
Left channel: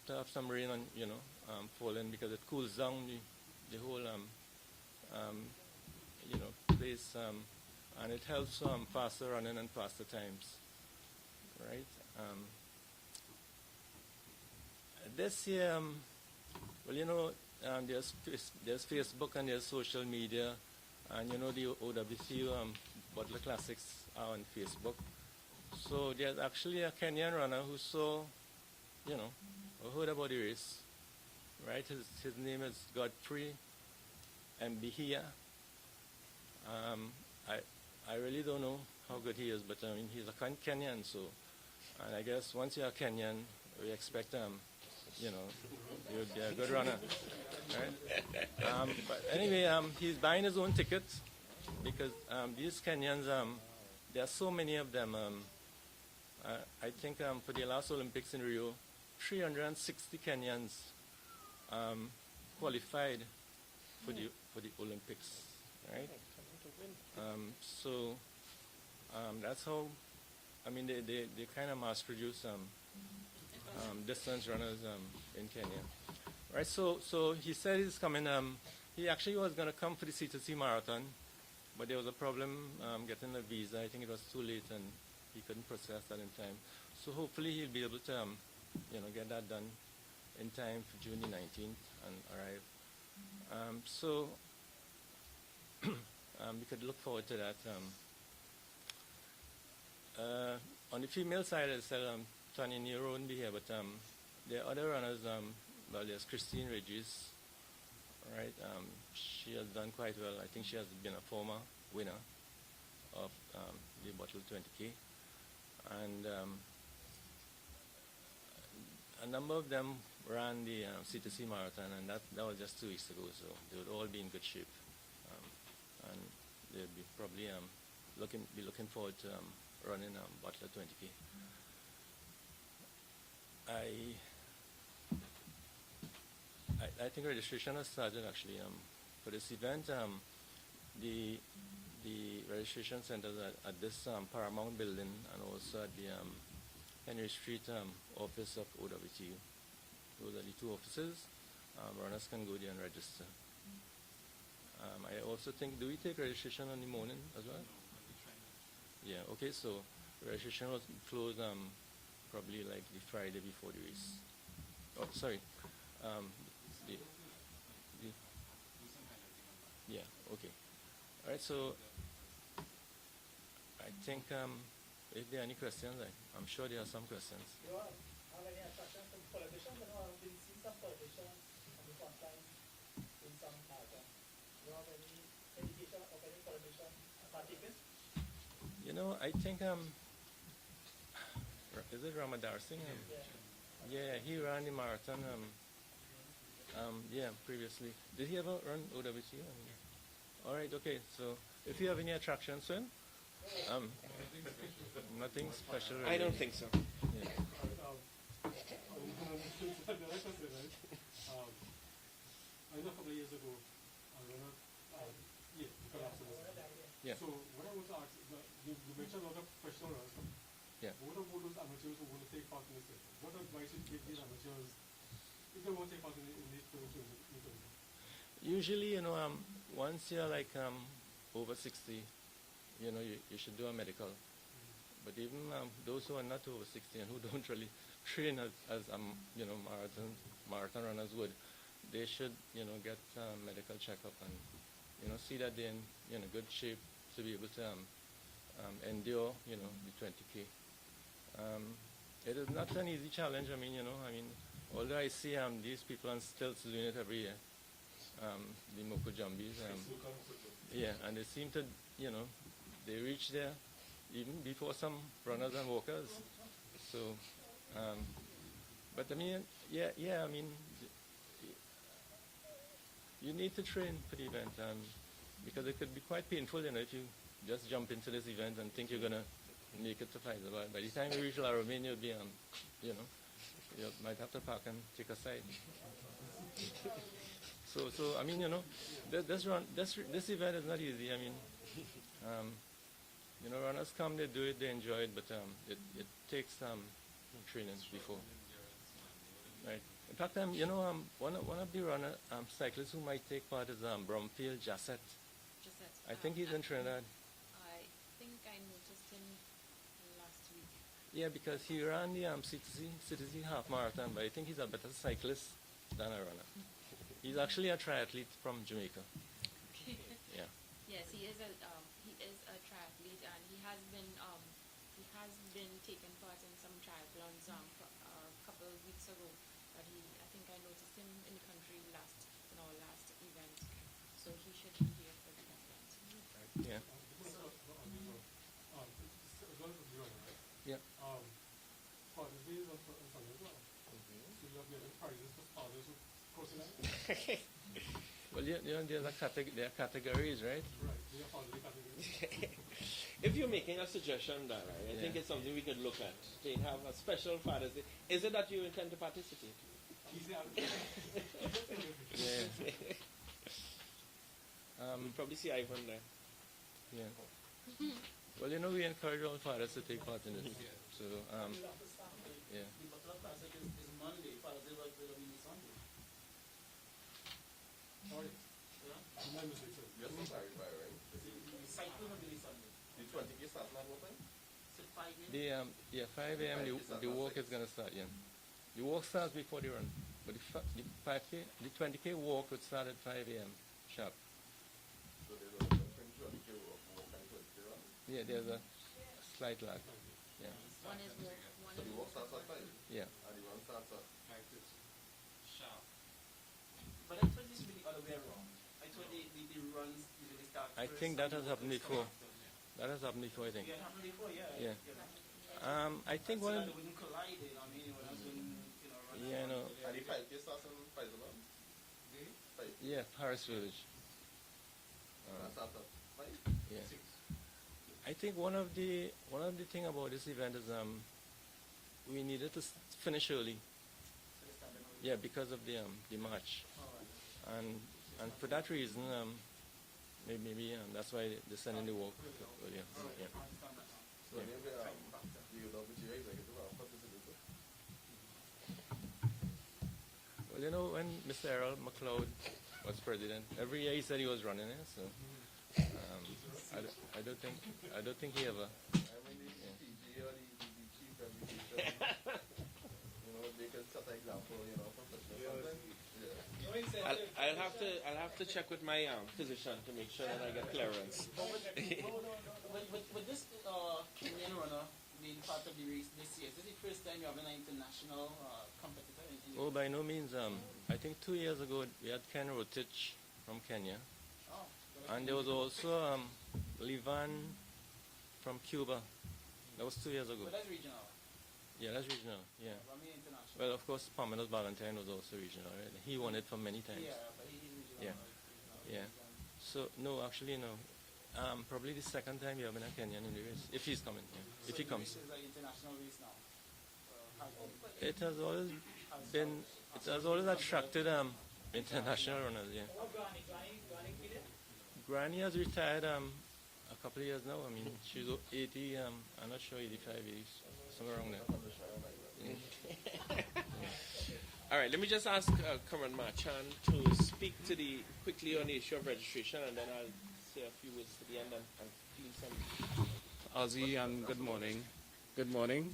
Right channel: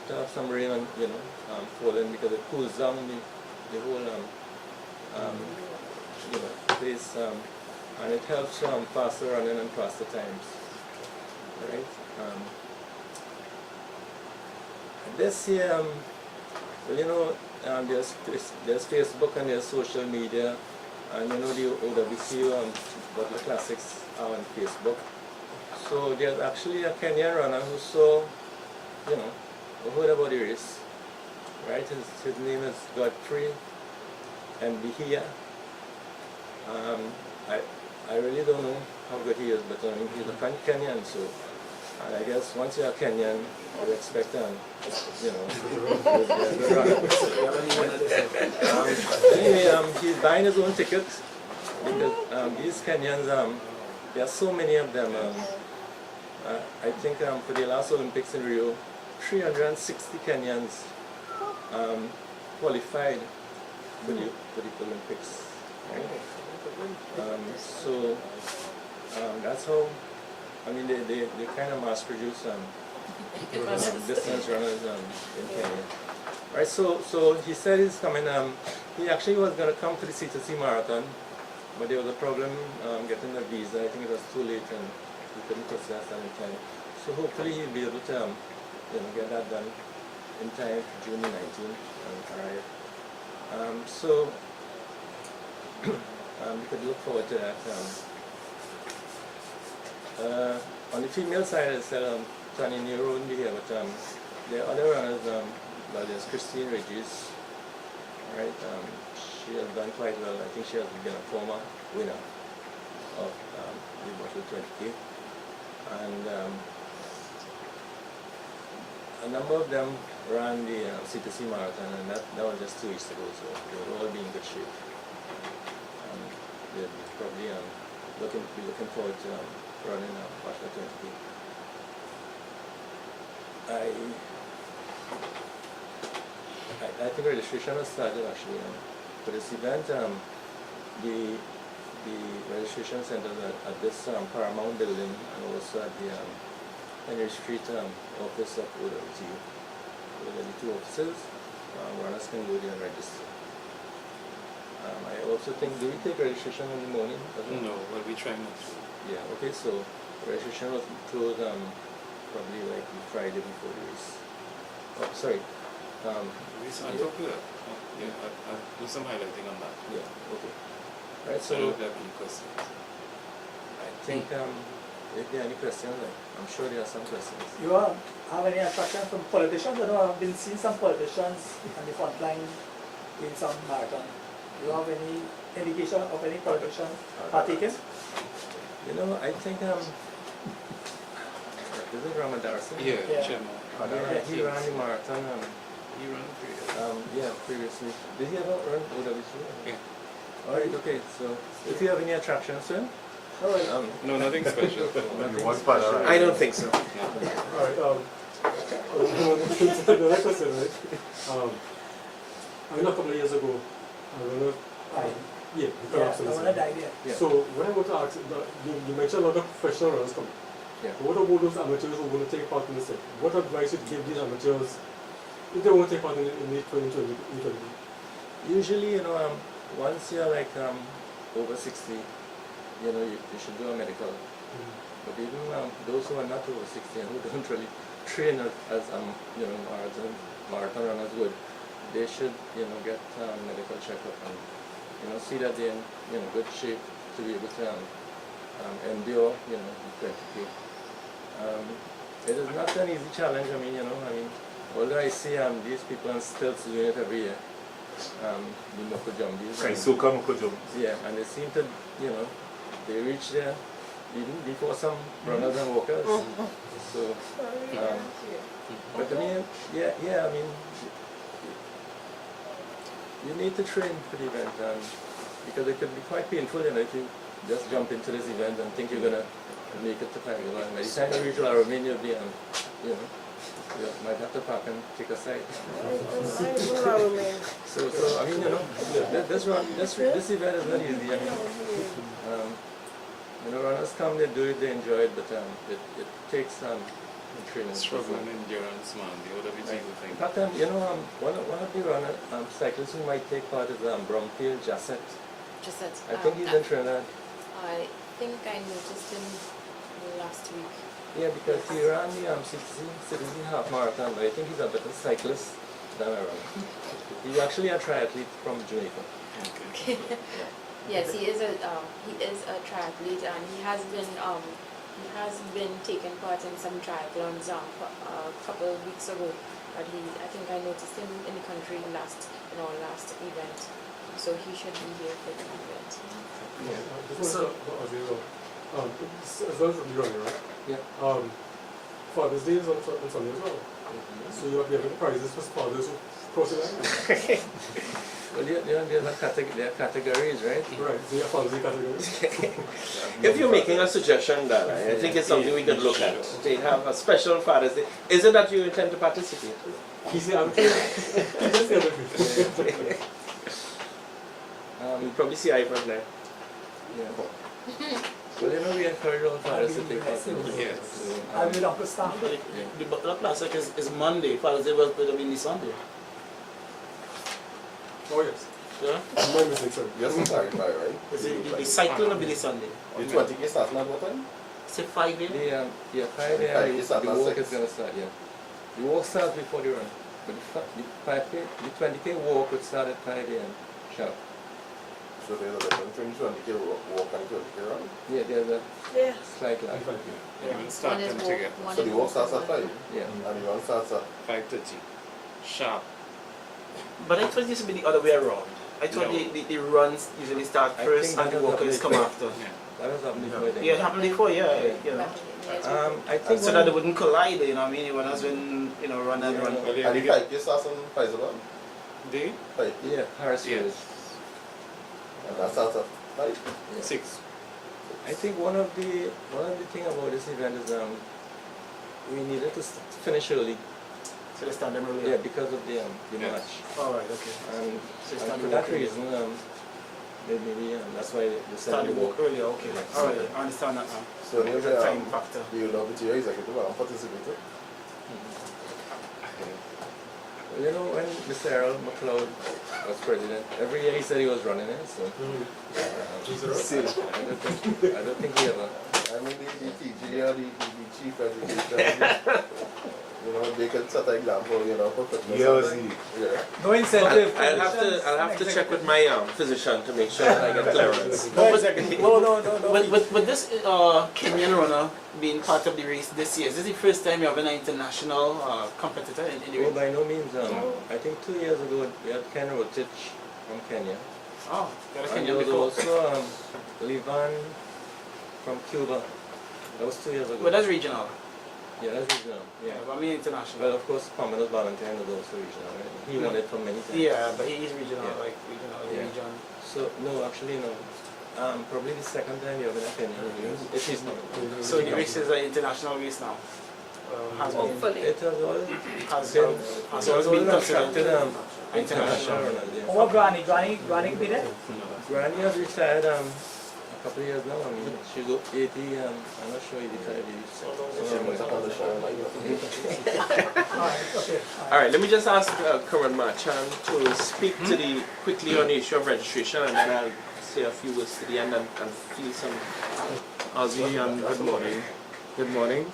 to have some rain and falling because it cools down the whole place, and it helps faster running and faster times, right? this year, well, you know, there's Facebook and there's social media, and you know the OWTU Butler Classics are on Facebook. So there's actually a Kenyan runner who saw, you know, who heard about the race, right? His name is Godfrey and Bihia. I really don't know how good he is, but I mean, he's a Kenyan, so and I guess once you're a Kenyan, you expect you know, good runner. Anyway, he's buying his own ticket because these Kenyans, there are so many of them. I think for the last Olympics in Rio, 360 Kenyans qualified for the Olympics. Right? So that's how, I mean, they kind of mass produce distance runners in Kenya. Right, so he said he's coming, he actually was going to come to the C2C marathon, but there was a problem getting a visa. I think it was too late and he couldn't process that in time. So hopefully he'll be able to you know, get that done in time for June 19th and arrive. So we could look forward to that. On the female side, I said 20-year-old wouldn't be here, but there are other runners. Well, there's Christine Regis, right? She has done quite well. I think she has been a former winner of the Butler 20K. And a number of them ran the C2C marathon, and that was just 2 weeks ago, so they would all be in good shape. They'll be probably looking forward to running Butler 20K. I think registration has started actually for this event. The registration centers at this Paramount building and also at the Mhenry Street office of OWTU. Those are the two offices. Runners can go there and register. I also think, do we take registration in the morning? No, well, we try not to. Yeah, okay, so registration was closed probably like the Friday before the race. Oh, sorry. I'll talk to that. Yeah, I'll do some highlighting on that. Yeah, okay. Right, So I so don't have any questions. I think if there are any questions, I'm sure there are some questions. You have any attraction from politicians? I know I've been seeing some politicians on the front line in some marathon. Do you have any indication of any politician partaking? You know, I think is it Ramadarsi? Yeah, Yeah. Chairman. He ran the marathon. He ran previous. Yeah, previously. Did he ever run OWTU? Yeah. Alright, okay, so if you have any attractions, Swin? No, nothing special. I don't think so. Alright, the next question, right? I mean, a couple of years ago, I don't know, yeah, the Yeah, collapse of I this want to event. dive in. Yeah. So what I want to ask, you mentioned a lot of professional runners coming. Yeah. What about those amateurs who want to take part in this thing? What advice would you give these amateurs if they want to take part in the 2020? Usually, you know, once you're like over 60, you know, you should do a medical. But even those who are not over 60 and who don't really train as you know, marathon runners would, they should, you know, get medical checkup and, you know, see that they're in, you know, good shape to be able to endure, you know, the 20K. It is not an easy challenge. I mean, you know, although I see these people on stilts doing it every year, the Mokojumbis. Yeah, and they seem to, you know, they reach there even before some runners and walkers. So, but I mean, yeah, I mean, you need to train for the event, because it could be quite painful, you know, if you just jump into this event and think you're gonna make it to Fyzabad. By the time you reach Laramine, you'll be, you know, you might have to park and take a side. So I mean, you know, this event is not easy. I mean, you know, runners come, they do it, they enjoy it, but it takes training. Struggle and endurance, man. The OWTU thing. In fact, you know, one of the runner cyclists who might take part is Bromfield Jasset. I think he's in Trinidad. I think I noticed him last week. Yeah, because he ran the citizen half marathon, but I think he's a better cyclist than I run. He's actually a triathlete from Jamaica. Okay. Yes, he is a triathlete, and he has been taking part in some triathlons a couple of weeks ago. But I think I noticed him in the country last event, so he should be here for the event. Yeah. So, as well as you're running, right? Yeah. Father's Day is on Sunday as well. So you're giving prizes for fathers who cross the line? Well, there are categories, right? Right, so you have Father's Day categories. If you're making a suggestion, Dala, I think it's something we could look at. They have a special Father's Day. Is it that you intend to participate? He said, I'm kidding. He just said it. You probably see Ivan there. Yeah. Well, we encourage all fathers to take part in it. Yes. I will Uncle Stan. The Butler Classics is Monday. Father's Day will be Sunday. Oh, yes. Yeah? My mistake, sorry. Just to clarify, right? Is it the cycling will be this Sunday? The 20K starting at what time? Say 5 a.m. 5 a.m. It's at the walk 6. is going to start, yeah. The walk starts before the run. But the 20K walk would start at 5 a.m. sharp. So there's a difference between 20K walk and 20K run? Yeah, there's a Yeah. slight lag. You will start One is them walk, together. one So is the walk starts at 5 Yeah. and the run starts at 5:30. Sharp. But I thought it used to be the other way around. I thought No. the runs usually start I first think and the that walkers was come after. Yeah. That has happened before, I think. Yeah, it happened before, yeah. Yeah. You know. I think So that they wouldn't collide, you know what I mean? When has been, run and Yeah, run. no. Well, and the 5K starts on Fyzabad? They? 5K. Yeah, Harris Yes. Road. And that starts at 5? Yeah. 6. I think one of the thing about this event is we needed to finish early. So they start them early. Yeah, because of the Yes. match. Alright, okay. And, So it's and not for the that walk early. reason, maybe that's why they Start decided the to walk earlier, okay. Yeah. Alright, I understand that now. So There's there's a time factor. the OWTU executive and participator. Well, when Mr. Errol McLeod was president, every year he said he was running it, so I don't think he ever. I mean, the TG or the chief education, they can set an example, for fitness. Yeah. No incentive. I'll have to check with my physician to make sure that I get clearance. No. With this Kenyan runner being part of the race this year, is this the first time you have an international competitor in the Oh, race? by no means. I think 2 years ago we had Ken Rotich from Kenya. Oh, you had a And Kenyan there before. was also Levan from Cuba. That was 2 years ago. But that's regional. Yeah, that's regional. Yeah, Yeah. but I mean international. Well, of course, Carmelos Valentine was also regional, right? He won it for many times. Yeah, but he is regional, Yeah. like regional, Yeah. region. So, no, actually, no. Probably the second time you're going to Kenya reviews, if he's coming. So the race is an international race now. Has been, Hopefully. It has all has been, always been considered attracted international international. runners. Yeah. What Granny be there? Granny has retired a couple of years now. I mean, she's 80, I'm not sure, 85 years. Alright, let me just ask Karan Marchand to speak to the quickly on the issue of registration, and then I'll say a few words to the end and feel some. Ozzy, good morning. Good morning.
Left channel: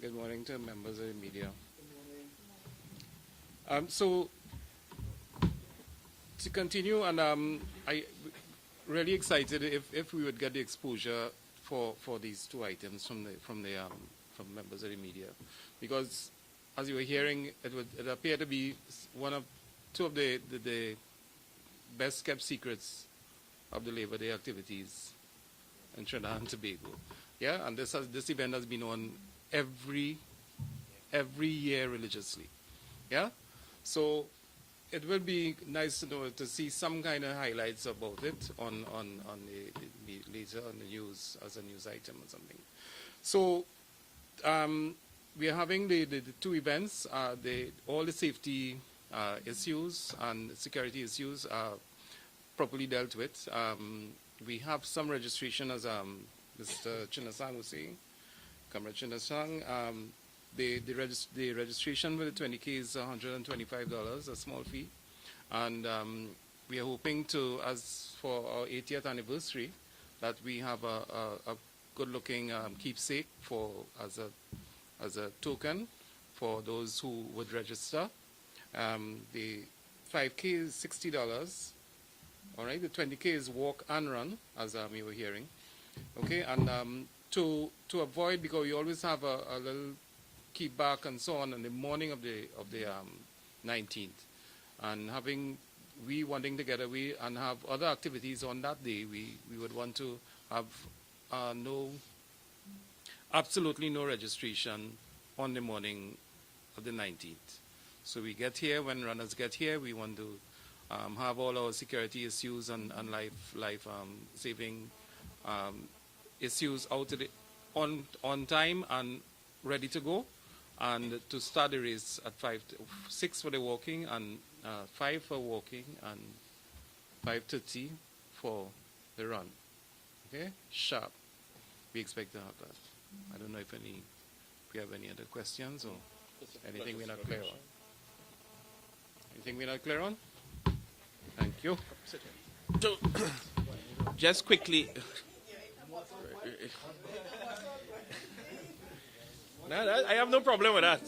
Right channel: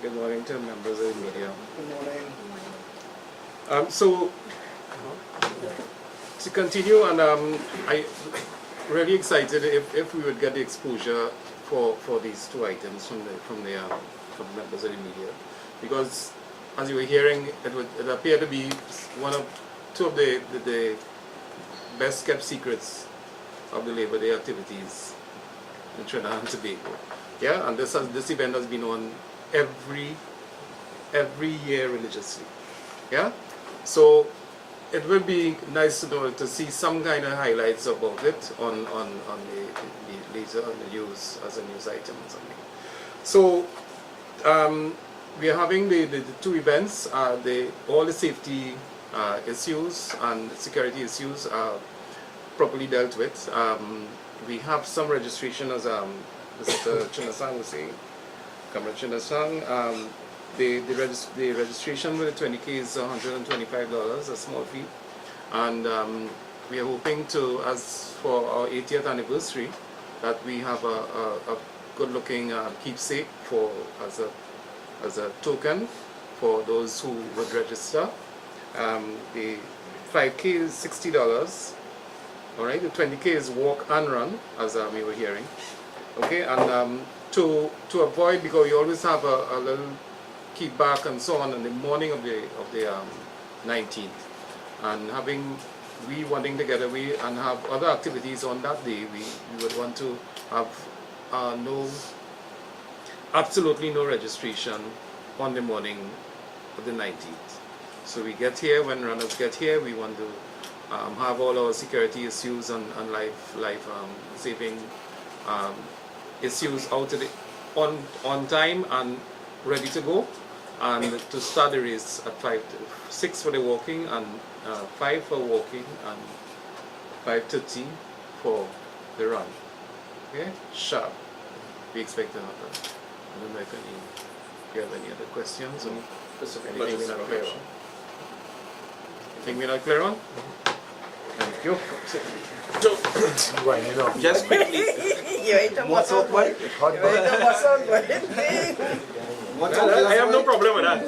Good morning to members of the media. Good morning. So, to continue, and I really excited if we would get the exposure for these two items from members of the media, because as you were hearing, it appeared to be two of the best kept secrets of the Labor Day activities in Trinidad and Tobago. Yeah, and this event has been on every year religiously. Yeah, so it would be nice to see some kind of highlights about it on the later on the news as a news item or something. So we are having the two events. All the safety issues and security issues are properly dealt with. We have some registration, as Mr. Chinasang was saying, Comrade Chinasang. The registration with the 20K is $125, a small fee, and we are hoping to, as for our 80th anniversary, that we have a good-looking keepsake for as a token for those who would register. The 5K is $60. All right, the 20K is walk and run, as we were hearing. Okay, and to avoid, because we always have a little kickback and so on in the morning of the 19th, and we wanting to get away and have other activities on that day, we would want to have absolutely no registration on the morning of the 19th. So we get here, when runners get here, we want to have all our security issues and life saving issues out of on time and ready to go, and to start the race at 6 for the walking and 5 for walking and 5:30 for the run. Okay, sharp. We expect to have that. I don't know if you have any other questions or anything we're not clear on. Anything we're not clear on? Thank you. Just quickly, I have no problem with that.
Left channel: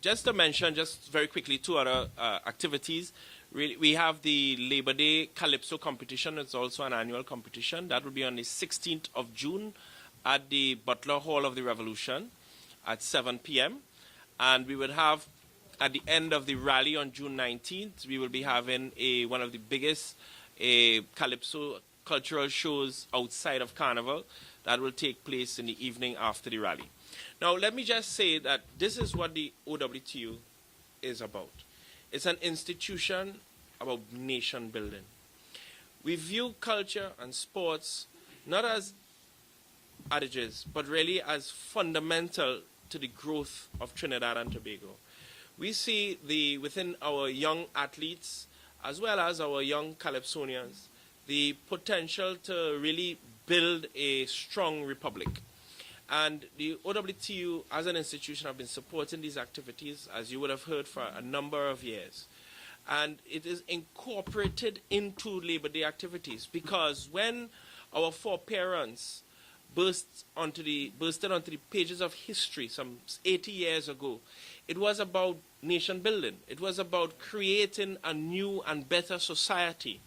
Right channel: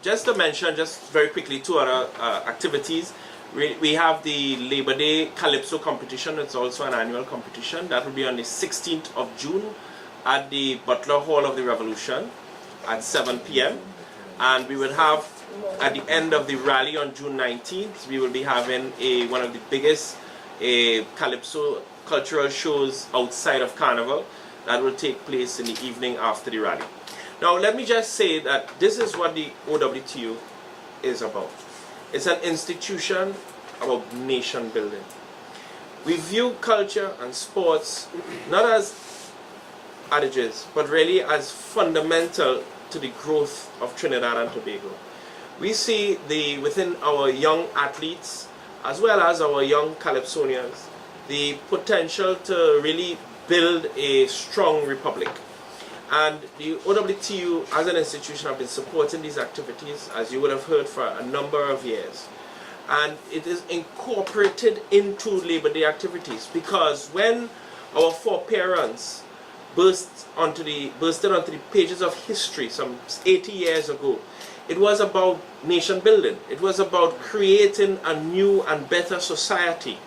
Just to mention, just very quickly, 2 other activities. We have the Labor Day Calypso competition. It's also an annual competition. That will be on the 16th of June at the Butler Hall of the Revolution at 7 p.m. And we will have, at the end of the rally on June 19th, we will be having one of the biggest Calypso cultural shows outside of Carnival that will take place in the evening after the rally. Now let me just say that this is what the OWTU is about. It's an institution about nation building. We view culture and sports not as adages, but really as fundamental to the growth of Trinidad and Tobago. We see within our young athletes, as well as our young Calypsonians, the potential to really build a strong republic. And the OWTU as an institution have been supporting these activities, as you would have heard, for a number of years. And it is incorporated into Labor Day activities, because when our foreparents bursted onto the pages of history some 80 years ago, it was about nation building. It was about creating a new and better society.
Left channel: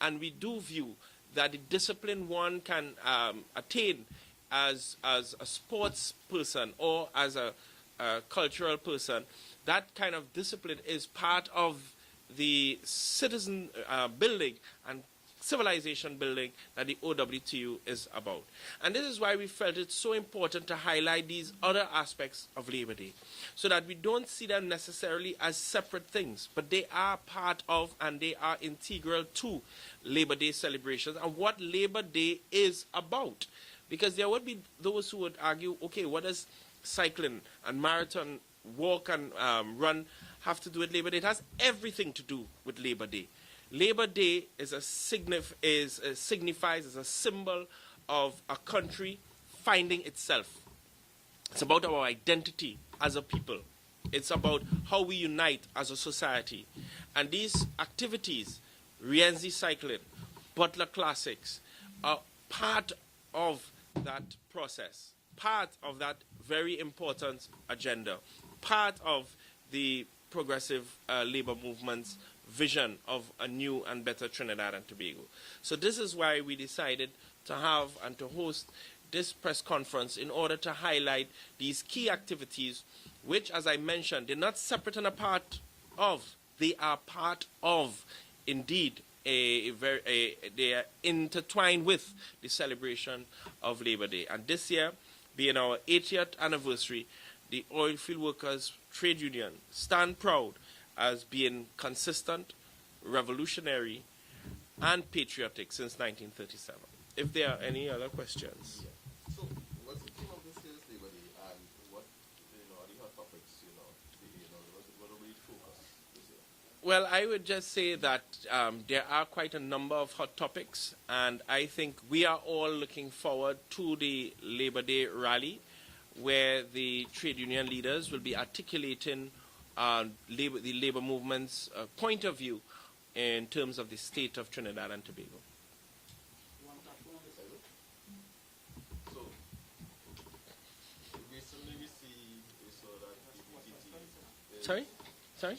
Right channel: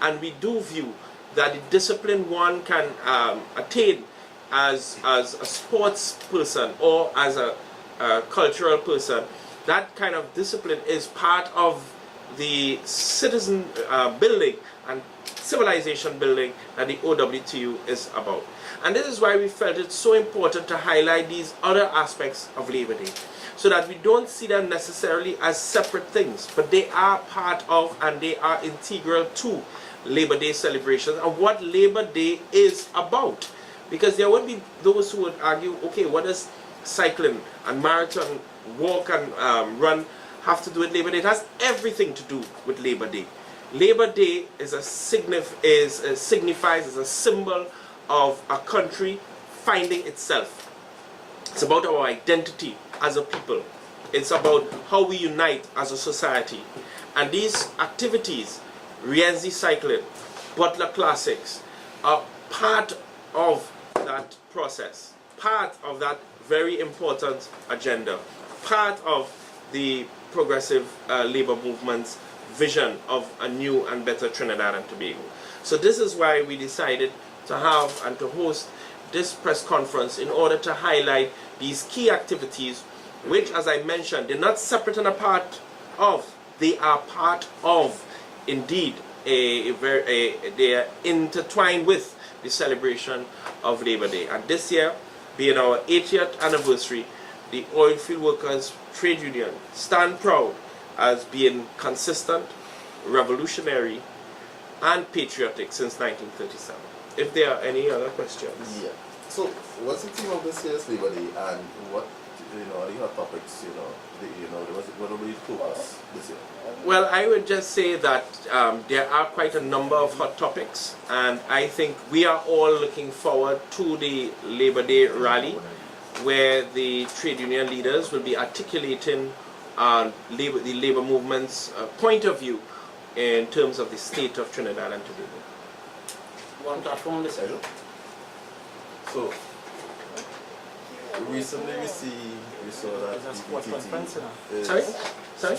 And we do view that the discipline one can attain as a sports person or as a cultural person, that kind of discipline is part of the citizen building and civilization building that the OWTU is about. And this is why we felt it so important to highlight these other aspects of Labor Day, so that we don't see them necessarily as separate things, but they are part of and they are integral to Labor Day celebrations and what Labor Day is about. Because there would be those who would argue, okay, what does cycling and marathon, walk and run have to do with Labor Day? It has everything to do with Labor Day. Labor Day is signifies as a symbol of a country finding itself. It's about our identity as a people. It's about how we unite as a society. And these activities, Rienzi Cycling, Butler Classics, are part of that process, part of that very important agenda, part of the progressive labor movement's vision of a new and better Trinidad and Tobago. So this is why we decided to have and to host this press conference, in order to highlight these key activities, which, as I mentioned, they're not separate and apart of, they are part of, indeed, they are intertwined with the celebration of Labor Day. And this year, being our 80th anniversary, the Oilfield Workers Trade Union stand proud as being consistent, revolutionary, and patriotic since 1937. If there are any other questions. Yeah. So, what's the theme of this year's Labor Day, and what, are your topics, what will be the focus this year? Well, I would just say that there are quite a number of hot topics, and I think we are all looking forward to the Labor Day rally, where the trade union leaders will be articulating the labor movement's point of view in terms of the state of Trinidad and Tobago. One platform this year. So, recently we saw that BBTT Sorry? Sorry?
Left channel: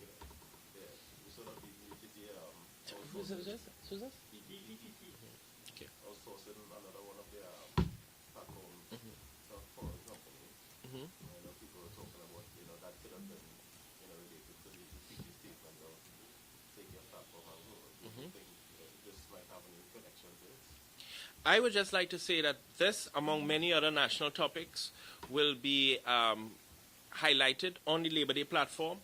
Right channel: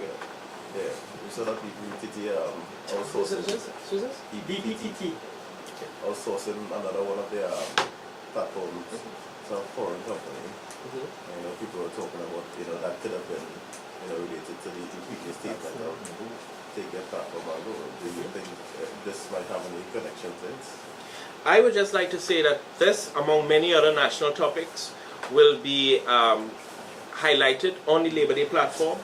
Yeah, we saw that BBTT outsourcing BBTT. outsourcing another one of their platforms to a foreign company. And, people were talking about, that could have been, related to the previous statement of take their platform and go. Do you think this might have any connection to it? I would just like to say that this, among many other national topics, will be highlighted on the Labor Day platform.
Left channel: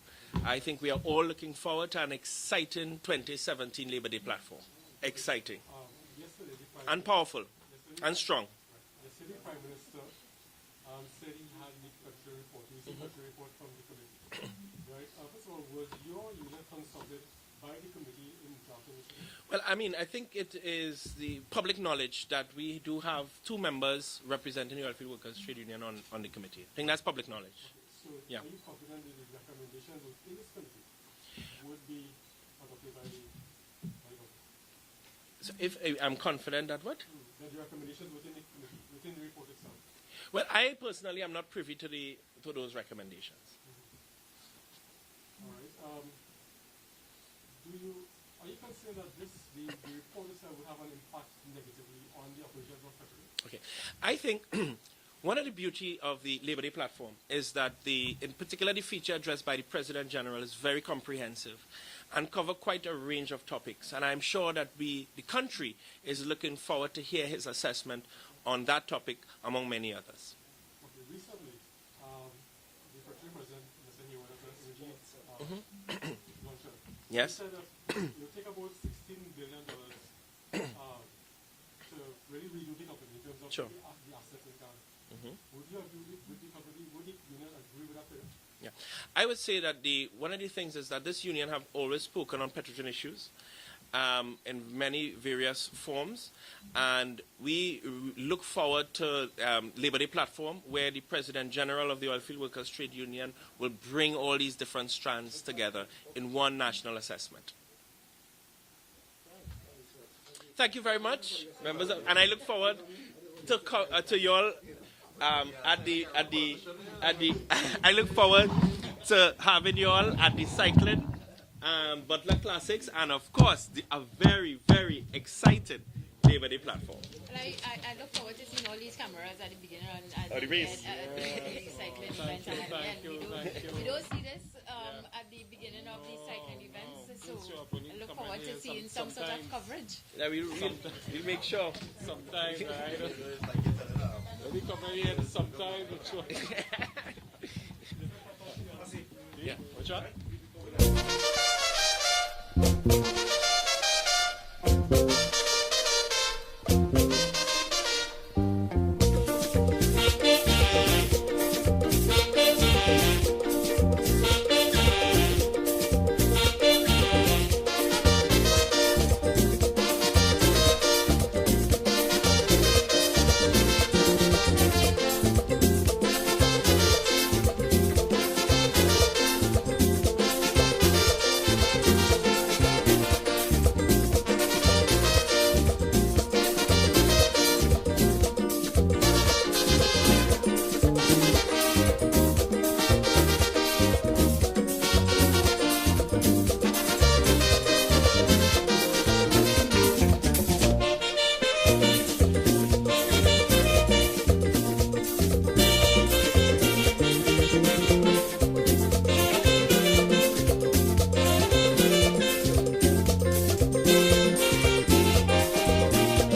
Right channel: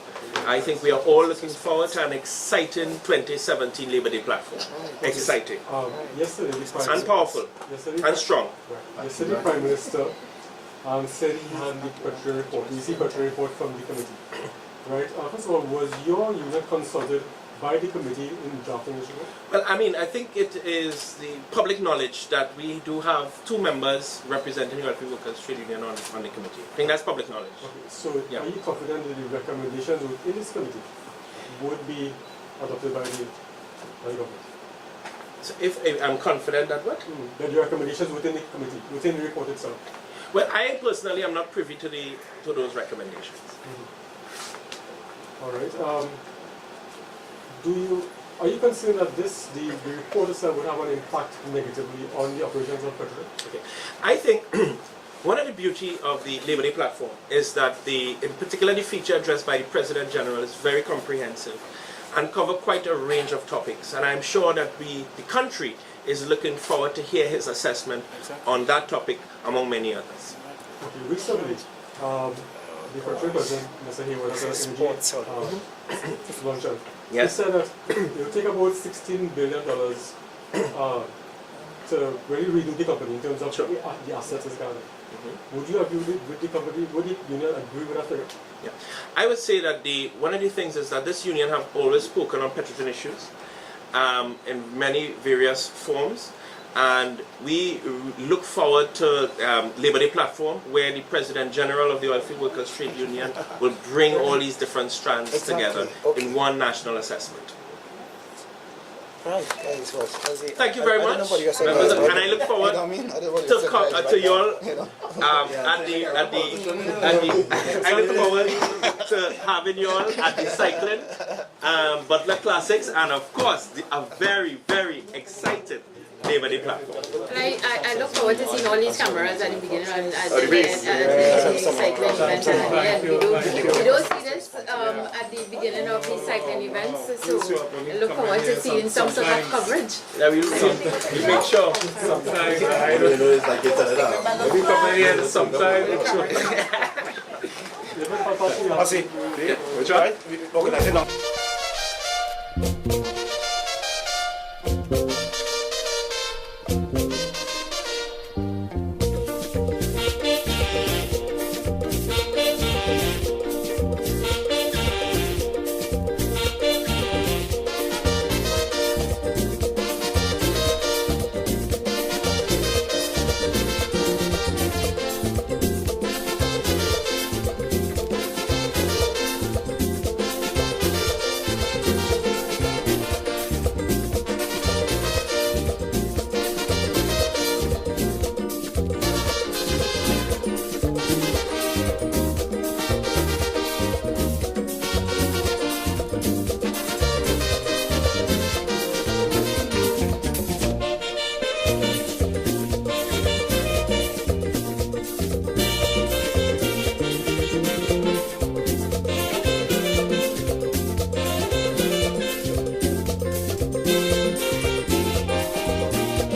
I think we are all looking forward to an exciting 2017 Labor Day platform. Exciting. Yesterday, the Prime And powerful. And strong. Right. Yesterday, the Prime Minister said he had the Petri report, the EC Petri report from the committee. Right. First of all, was your unit consulted by the committee in drafting this report? Well, I mean, I think it is the public knowledge that we do have 2 members representing the Welfare Workers Trade Union on the committee. I think that's public knowledge. Okay, so are you confident that the recommendations within this committee would be adopted by the government? So if I'm confident that what? That the recommendations within the committee, within the report itself. Well, I personally am not privy to those recommendations. All right. Are you concerned that the report itself would have an impact negatively on the operations of Petri? Okay. I think one of the beauty of the Labor Day platform is that in particular the feature addressed by the President General is very comprehensive and cover quite a range of topics. And I'm sure that the country is looking forward to hear his assessment on that topic, among many others. Okay, recently, the Petri President, Mr. Hayward, has an energy luncheon. Yes. He said that it will take about $16 billion to really redo the company in terms of the assets it's gathered. Would you agree with the company? Would the union agree with that figure? Yeah. I would say that one of the things is that this union have always spoken on petroleum issues in many various forms. And we look forward to Labor Day platform, where the President General of the Oilfield Workers Trade Union will bring all these different strands together in one national assessment. Right. Thank you very much, members, and I look forward to you all I look forward to having you all at the cycling Butler Classics, and of course a very, very excited Labor Day platform. I look forward to seeing all these cameras at the beginning and at the cycling event. We don't see this at the beginning of the cycling events, so I look forward to seeing some sort of coverage. Yeah, we'll make sure sometime. We'll come here sometime. I'll see. Which one? We're organizing now.